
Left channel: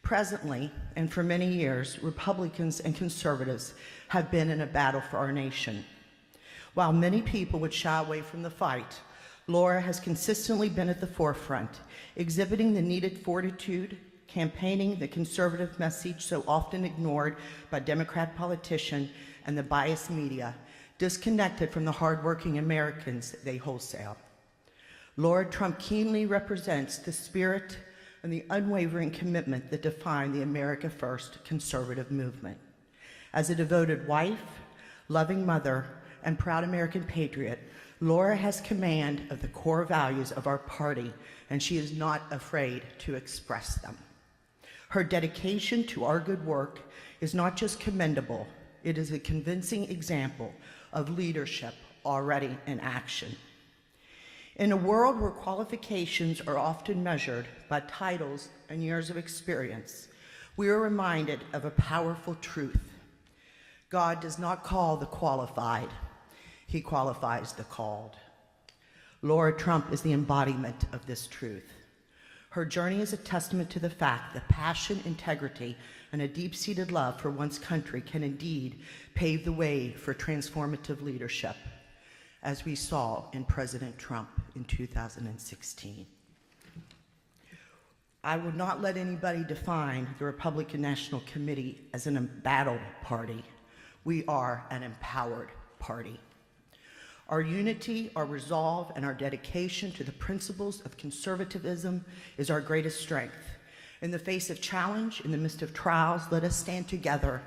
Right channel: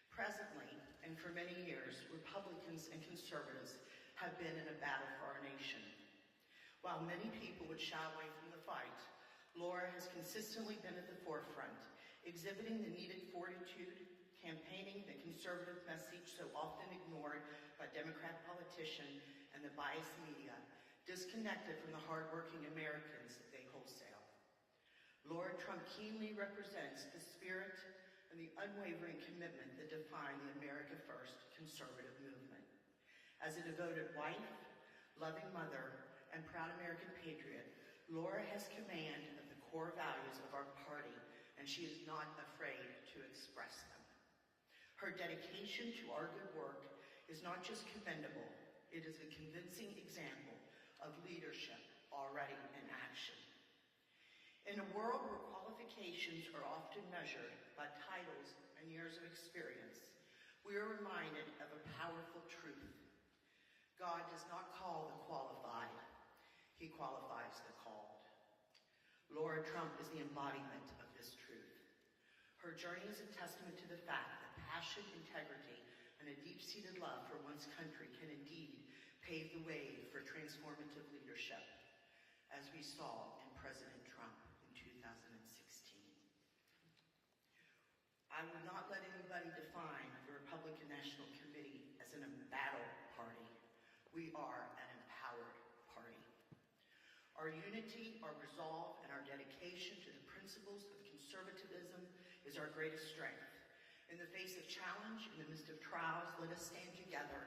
Presently, and for many years, Republicans and conservatives have been in a battle for our nation. While many people would shy away from the fight, Lara has consistently been at the forefront, exhibiting the needed fortitude, campaigning the conservative message so often ignored by Democrat politicians and the biased media, disconnected from the hardworking Americans they wholesale. Lara Trump keenly represents the spirit and the unwavering commitment that define the America First conservative movement. As a devoted wife, loving mother, and proud American patriot, Lara has command of the core values of our party, and she is not afraid to express them. Her dedication to our good work is not just commendable, it is a convincing example of leadership already in action. In a world where qualifications are often measured by titles and years of experience, we are reminded of a powerful truth. God does not call the qualified, He qualifies the called. Lara Trump is the embodiment of this truth. Her journey is a testament to the fact that passion, integrity, and a deep-seated love for one's country can indeed pave the way for transformative leadership, as we saw in President Trump in 2016. I would not let anybody define the Republican National Committee as an embattled party. We are an empowered party. Our unity, our resolve, and our dedication to the principles of conservatism is our greatest strength. In the face of challenge, in the midst of trials, let us stand together,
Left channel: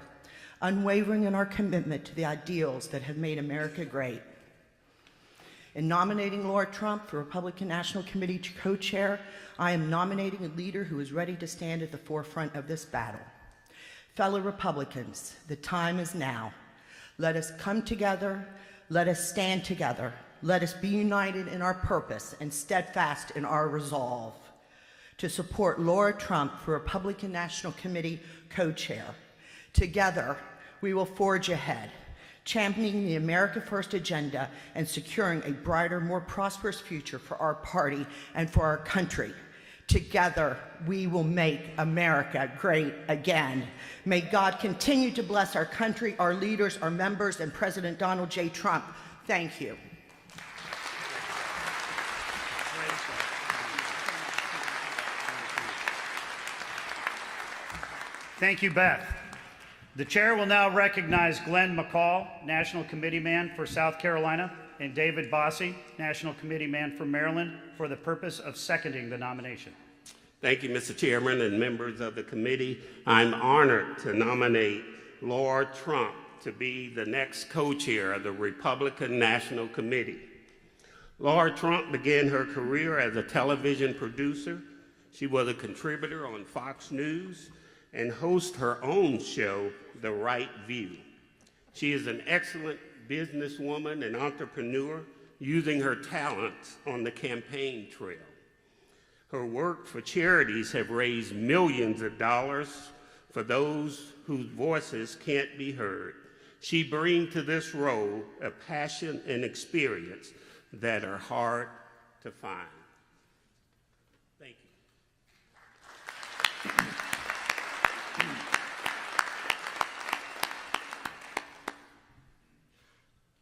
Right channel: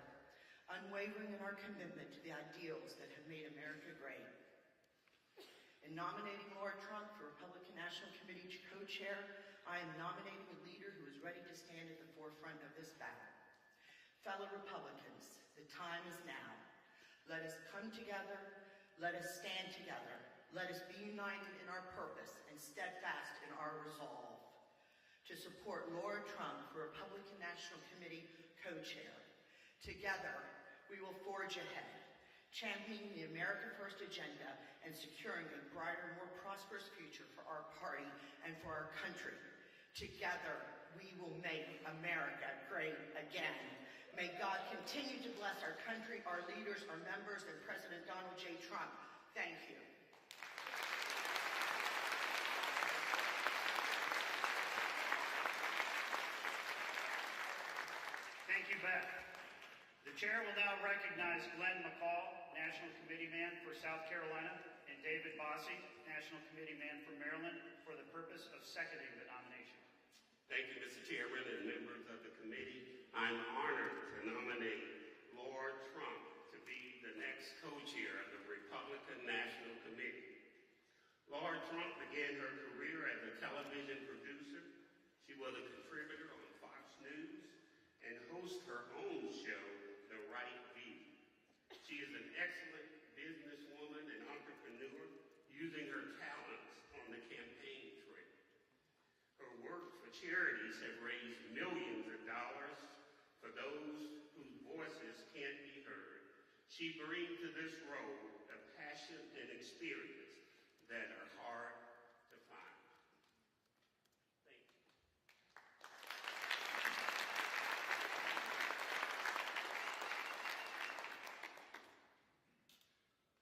unwavering in our commitment to the ideals that have made America great. In nominating Lara Trump for Republican National Committee co-chair, I am nominating a leader who is ready to stand at the forefront of this battle. Fellow Republicans, the time is now. Let us come together, let us stand together, let us be united in our purpose and steadfast in our resolve to support Lara Trump for Republican National Committee co-chair. Together, we will forge ahead, championing the America First agenda and securing a brighter, more prosperous future for our party and for our country. Together, we will make America great again. May God continue to bless our country, our leaders, our members, and President Donald J. Trump. Thank you. Thank you, Beth. The chair will now recognize Glenn McCall, National Committeeman for South Carolina, and David Bossie, National Committeeman for Maryland, for the purpose of seconding the nomination. Thank you, Mr. Chairman and members of the committee. I'm honored to nominate Lara Trump to be the next co-chair of the Republican National Committee. Lara Trump began her career as a television producer. She was a contributor on Fox News and hosts her own show, The Right View. She is an excellent businesswoman and entrepreneur, using her talents on the campaign trail. Her work for charities have raised millions of dollars for those whose voices can't be heard. She brings to this role a passion and experience that are hard to find. Thank you.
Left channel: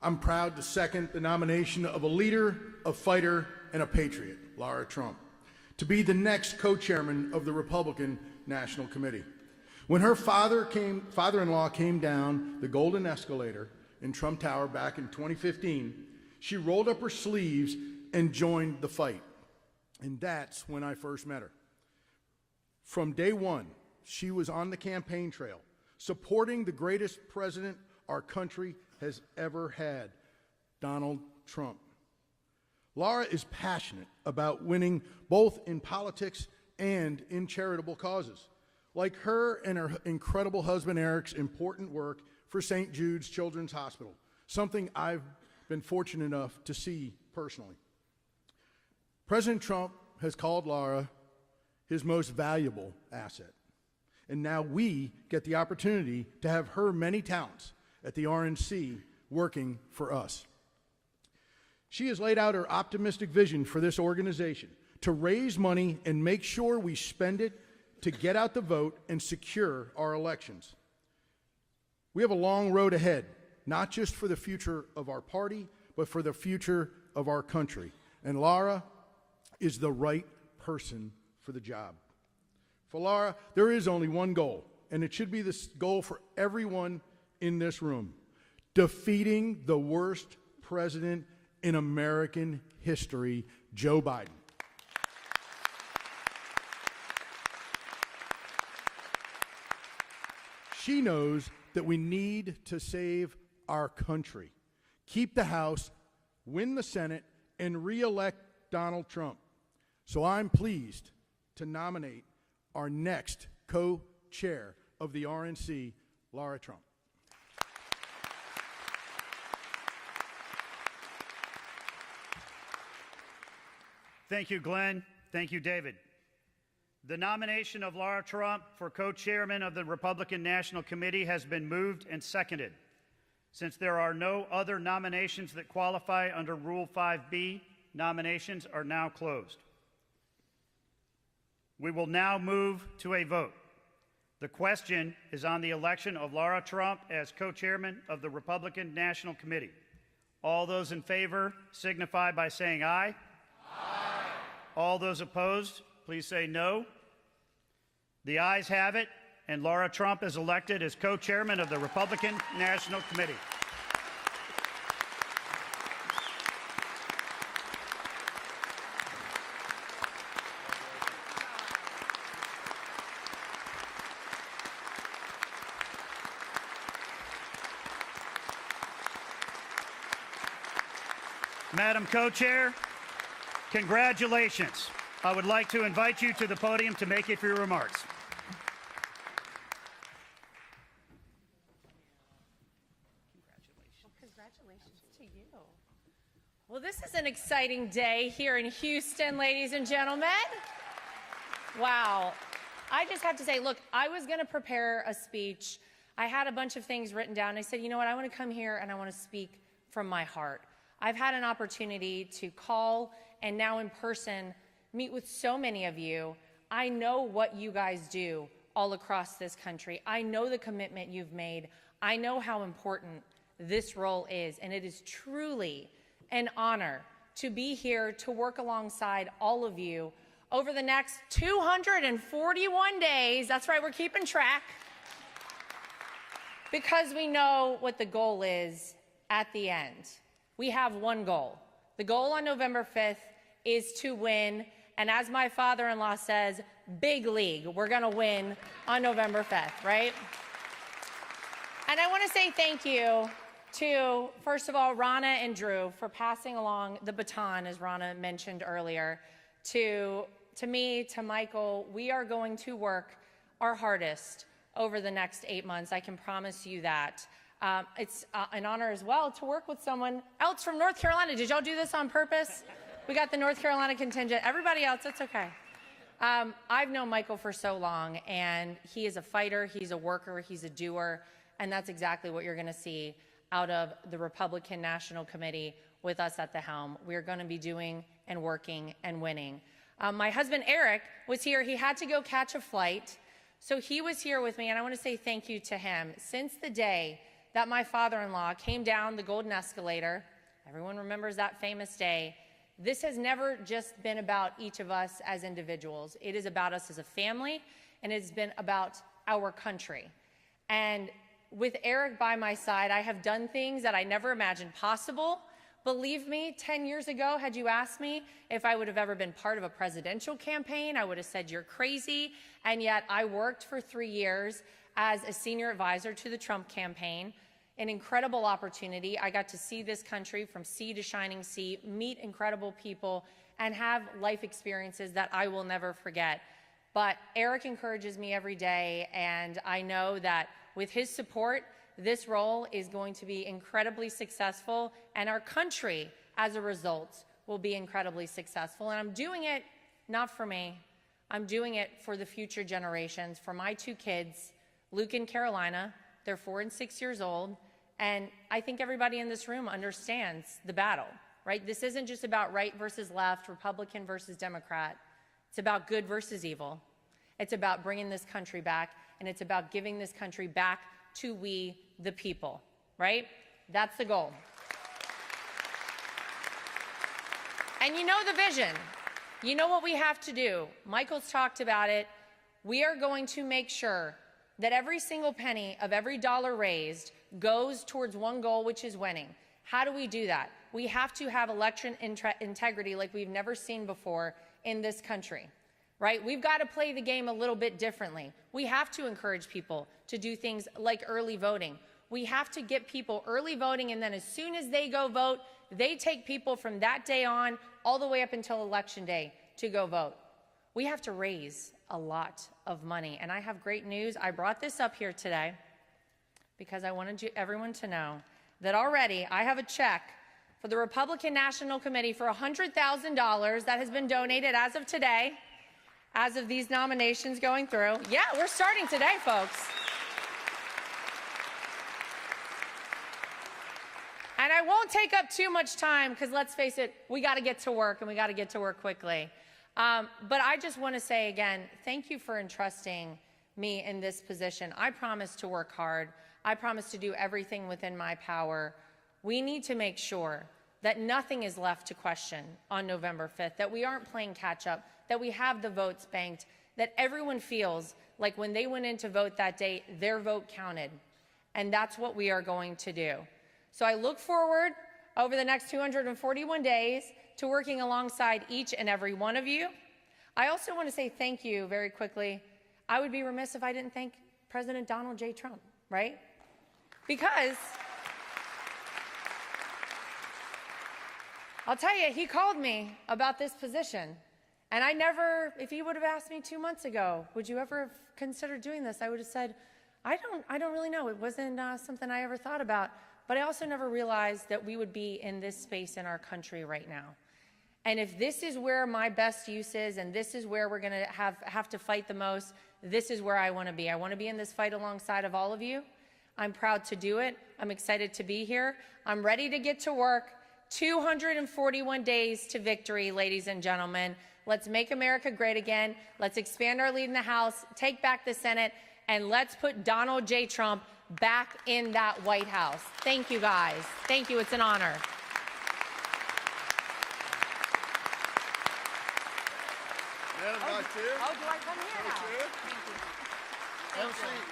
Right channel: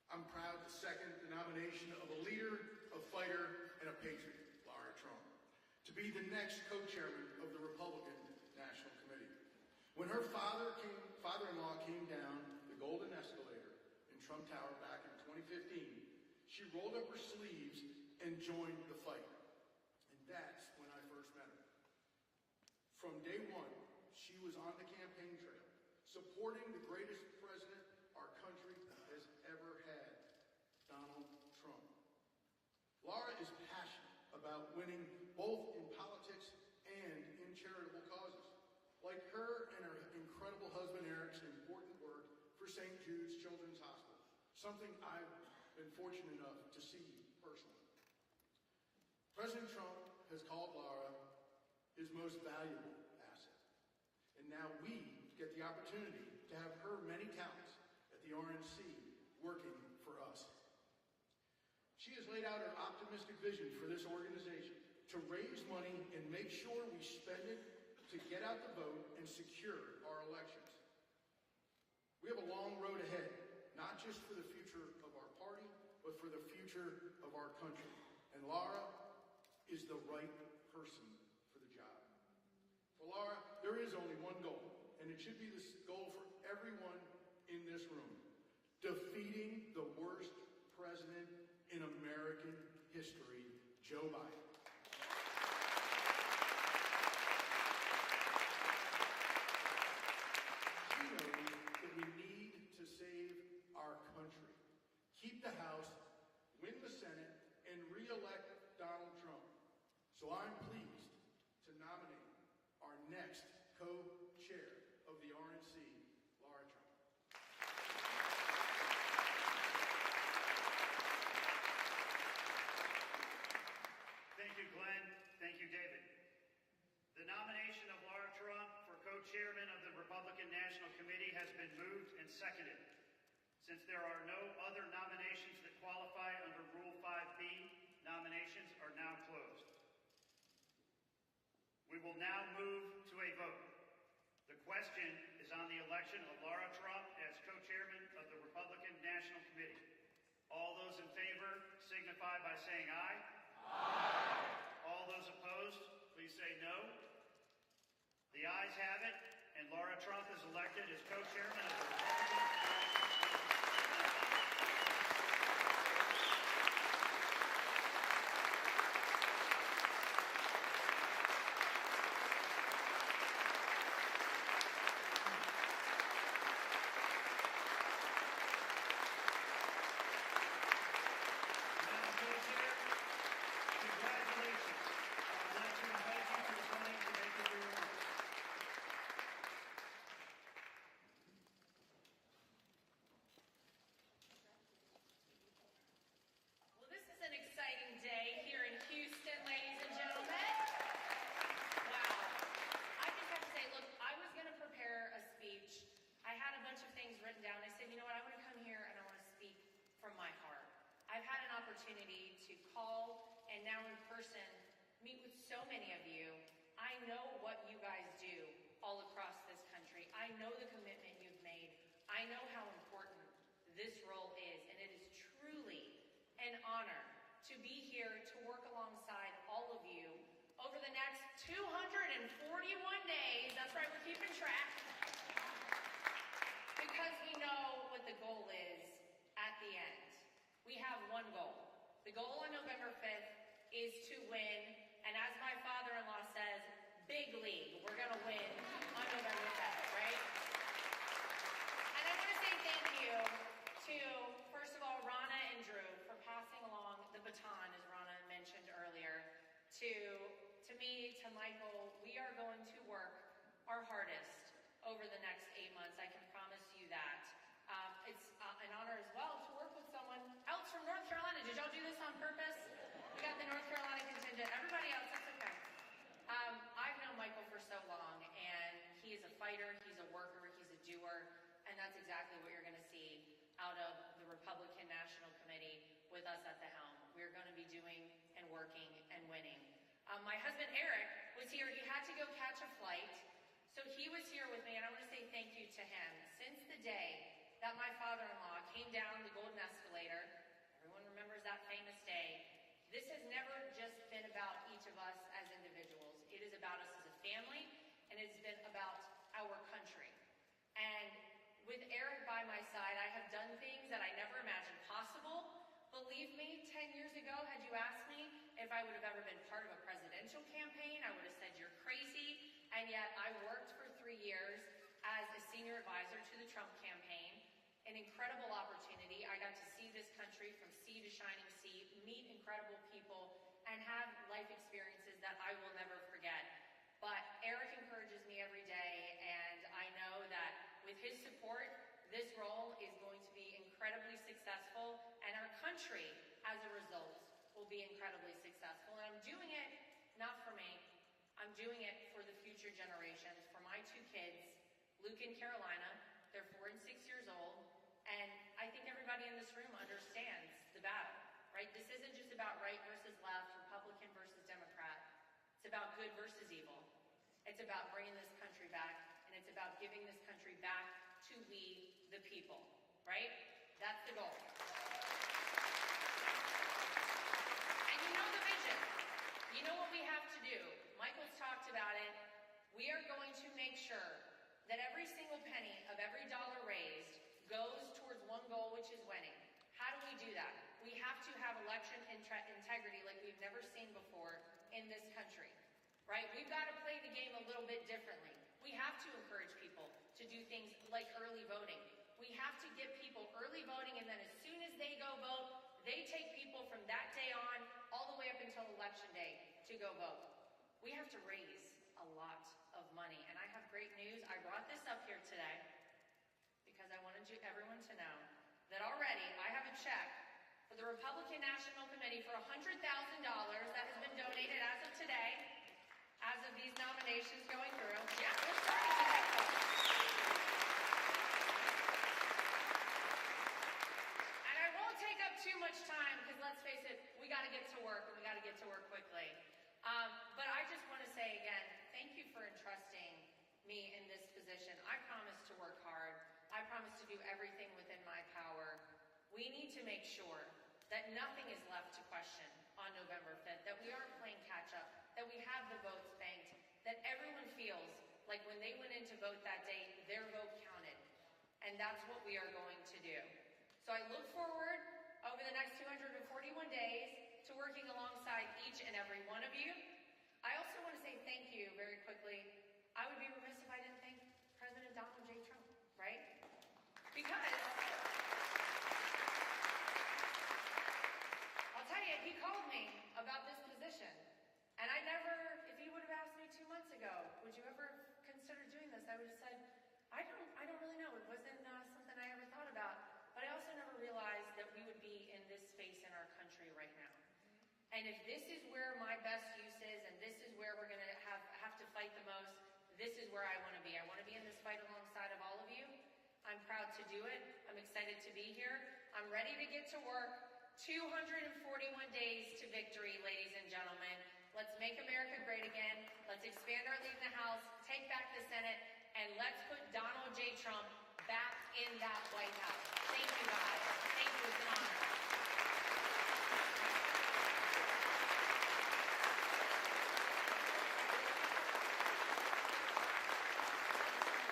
I'm proud to second the nomination of a leader, a fighter, and a patriot, Lara Trump, to be the next co-chairman of the Republican National Committee. When her father-in-law came down the golden escalator in Trump Tower back in 2015, she rolled up her sleeves and joined the fight. And that's when I first met her. From day one, she was on the campaign trail, supporting the greatest president our country has ever had, Donald Trump. Lara is passionate about winning both in politics and in charitable causes, like her and her incredible husband Eric's important work for St. Jude's Children's Hospital, something I've been fortunate enough to see personally. President Trump has called Lara his most valuable asset, and now we get the opportunity to have her many talents at the RNC working for us. She has laid out her optimistic vision for this organization to raise money and make sure we spend it to get out the vote and secure our elections. We have a long road ahead, not just for the future of our party, but for the future of our country. And Lara is the right person for the job. For Lara, there is only one goal, and it should be this goal for everyone in this room: defeating the worst president in American history, Joe Biden. She knows that we need to save our country, keep the House, win the Senate, and re-elect Donald Trump. So I'm pleased to nominate our next co-chair of the RNC, Lara Trump. Thank you, Glenn. Thank you, David. The nomination of Lara Trump for co-chairman of the Republican National Committee has been moved and seconded. Since there are no other nominations that qualify under Rule 5B, nominations are now closed. We will now move to a vote. The question is on the election of Lara Trump as co-chairman of the Republican National Committee. All those in favor signify by saying aye. Aye. All those opposed, please say no. The ayes have it, and Lara Trump is elected as co-chairman of the Republican National Committee. Madam Co-Chair, congratulations. I would like to invite you to the podium to make a few remarks. Congratulations to you. Well, this is an exciting day here in Houston, ladies and gentlemen. Wow. I just have to say, look, I was going to prepare a speech. I had a bunch of things written down. I said, you know what, I want to come here and I want to speak from my heart. I've had an opportunity to call and now in person meet with so many of you. I know what you guys do all across this country. I know the commitment you've made. I know how important this role is, and it is truly an honor to be here to work alongside all of you over the next 241 days. That's right, we're keeping track. Because we know what the goal is at the end. We have one goal. The goal on November 5th is to win, and as my father-in-law says, big league. We're gonna win on November 5th, right? And I wanna say thank you to, first of all, Rana and Drew for passing along the baton, as Rana mentioned earlier, to me, to Michael. We are going to work our hardest over the next 8 months. I can promise you that. It's an honor as well to work with someone else from North Carolina. Did y'all do this on purpose? We got the North Carolina contingent. Everybody else, it's okay. I've known Michael for so long, and he is a fighter, he's a worker, he's a doer, and that's exactly what you're gonna see out of the Republican National Committee with us at the helm. We're gonna be doing and working and winning. My husband, Eric, was here. He had to go catch a flight, so he was here with me, and I wanna say thank you to him. Since the day that my father-in-law came down the golden escalator, everyone remembers that famous day, this has never just been about each of us as individuals. It is about us as a family, and it's been about our country. And with Eric by my side, I have done things that I never imagined possible. Believe me, 10 years ago, had you asked me if I would have ever been part of a presidential campaign, I would have said you're crazy. And yet I worked for 3 years as a senior advisor to the Trump campaign. An incredible opportunity. I got to see this country from sea to shining sea, meet incredible people, and have life experiences that I will never forget. But Eric encourages me every day, and I know that with his support, this role is going to be incredibly successful, and our country, as a result, will be incredibly successful. And I'm doing it not for me. I'm doing it for the future generations, for my 2 kids, Luke and Carolina. They're 4 and 6 years old, and I think everybody in this room understands the battle, right? This isn't just about right versus left, Republican versus Democrat. It's about good versus evil. It's about bringing this country back, and it's about giving this country back to we, the people, right? That's the goal. And you know the vision. You know what we have to do. Michael's talked about it. We are going to make sure that every single penny of every dollar raised goes towards one goal, which is winning. How do we do that? We have to have election integrity like we've never seen before in this country, right? We've got to play the game a little bit differently. We have to encourage people to do things like early voting. We have to get people early voting, and then as soon as they go vote, they take people from that day on all the way up until Election Day to go vote. We have to raise a lot of money, and I have great news. I brought this up here today because I wanted everyone to know that already I have a check for the Republican National Committee for $100,000 that has been donated as of today, as of these nominations going through. Yeah, we're starting today, folks. And I won't take up too much time because let's face it, we got to get to work, and we got to get to work quickly. But I just want to say again, thank you for entrusting me in this position. I promise to work hard. I promise to do everything within my power. We need to make sure that nothing is left to question on November 5th, that we aren't playing catch up, that we have the votes banked, that everyone feels like when they went in to vote that day, their vote counted. And that's what we are going to do. So I look forward over the next 241 days to working alongside each and every one of you. I also want to say thank you very quickly. I would be remiss if I didn't thank President Donald J. Trump, right? Because I'll tell you, he called me about this position. And I never, if he would have asked me 2 months ago, would you ever consider doing this? I would have said, I don't really know. It wasn't something I ever thought about. But I also never realized that we would be in this space in our country right now. And if this is where my best use is, and this is where we're going to have to fight the most, this is where I want to be. I want to be in this fight alongside of all of you. I'm proud to do it. I'm excited to be here. I'm ready to get to work. 241 days to victory, ladies and gentlemen. Let's make America great again. Let's expand our lead in the House, take back the Senate, and let's put Donald J. Trump back in that White House. Thank you, guys. Thank you. It's an honor. Madam Vice Chair. Oh, do I come here? Vice Chair. Have a seat.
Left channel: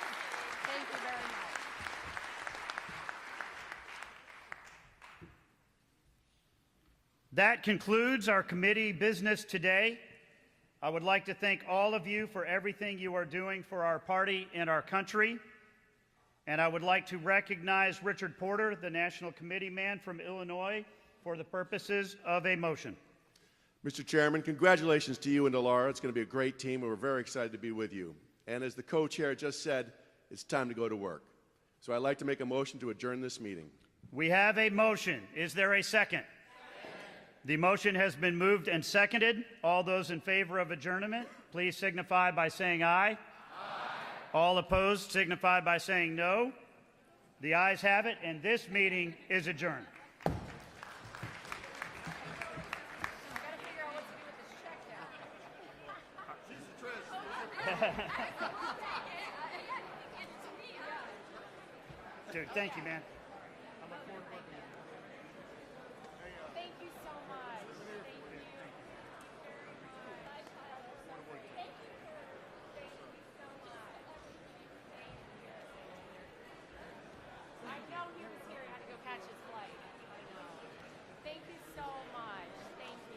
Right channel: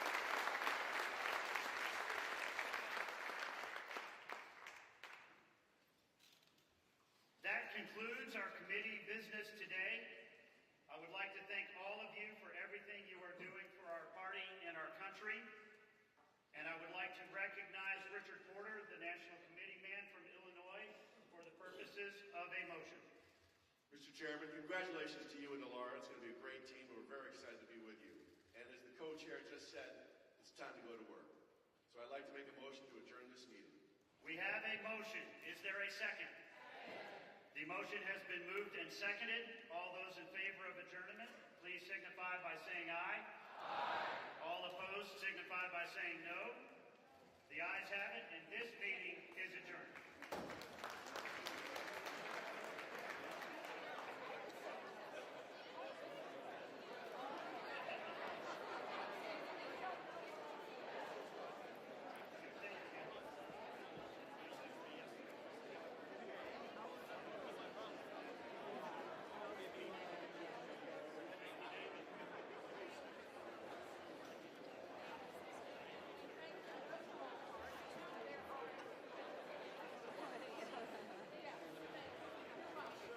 Thank you very much. That concludes our committee business today. I would like to thank all of you for everything you are doing for our party and our country. And I would like to recognize Richard Porter, the National Committee man from Illinois, for the purposes of a motion. Mr. Chairman, congratulations to you and to Lara. It's going to be a great team, and we're very excited to be with you. And as the co-chair just said, it's time to go to work. So I'd like to make a motion to adjourn this meeting. We have a motion. Is there a second? The motion has been moved and seconded. All those in favor of adjournment, please signify by saying aye. All opposed signify by saying no. The ayes have it, and this meeting is adjourned. Dude, thank you, man.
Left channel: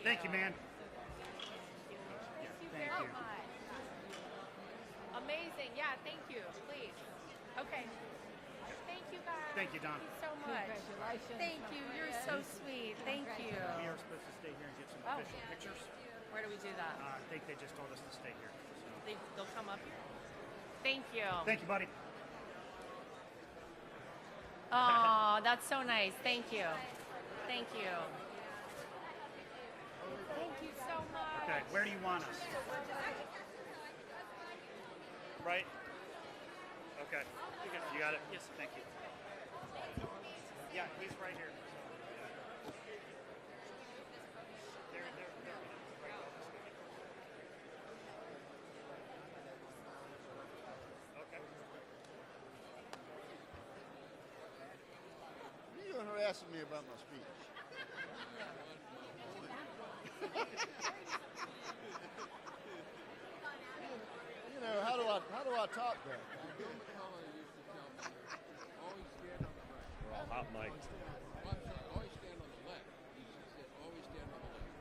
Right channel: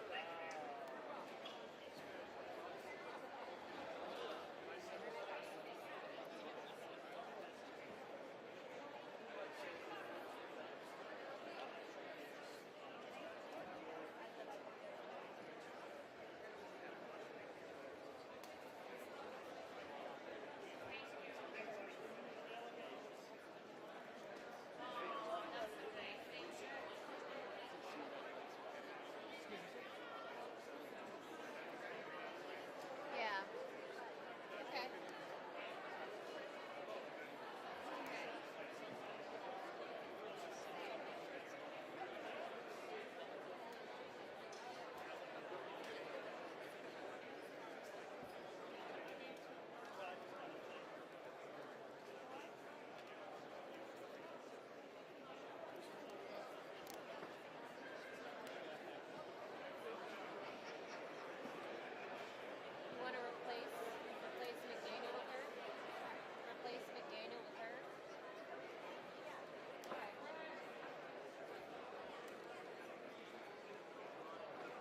Thank you, man. Thank you. Amazing. Yeah, thank you. Please. Okay. Thank you, guys. Thank you, Don. So much. Thank you. You're so sweet. Thank you. We are supposed to stay here and get some official pictures. Where do we do that? I think they just told us to stay here. They'll come up here. Thank you. Thank you, buddy. Oh, that's so nice. Thank you. Thank you. Thank you so much. Okay, where do you want us? Right? Okay. You got it? Yes, thank you. Yeah, he's right here. There.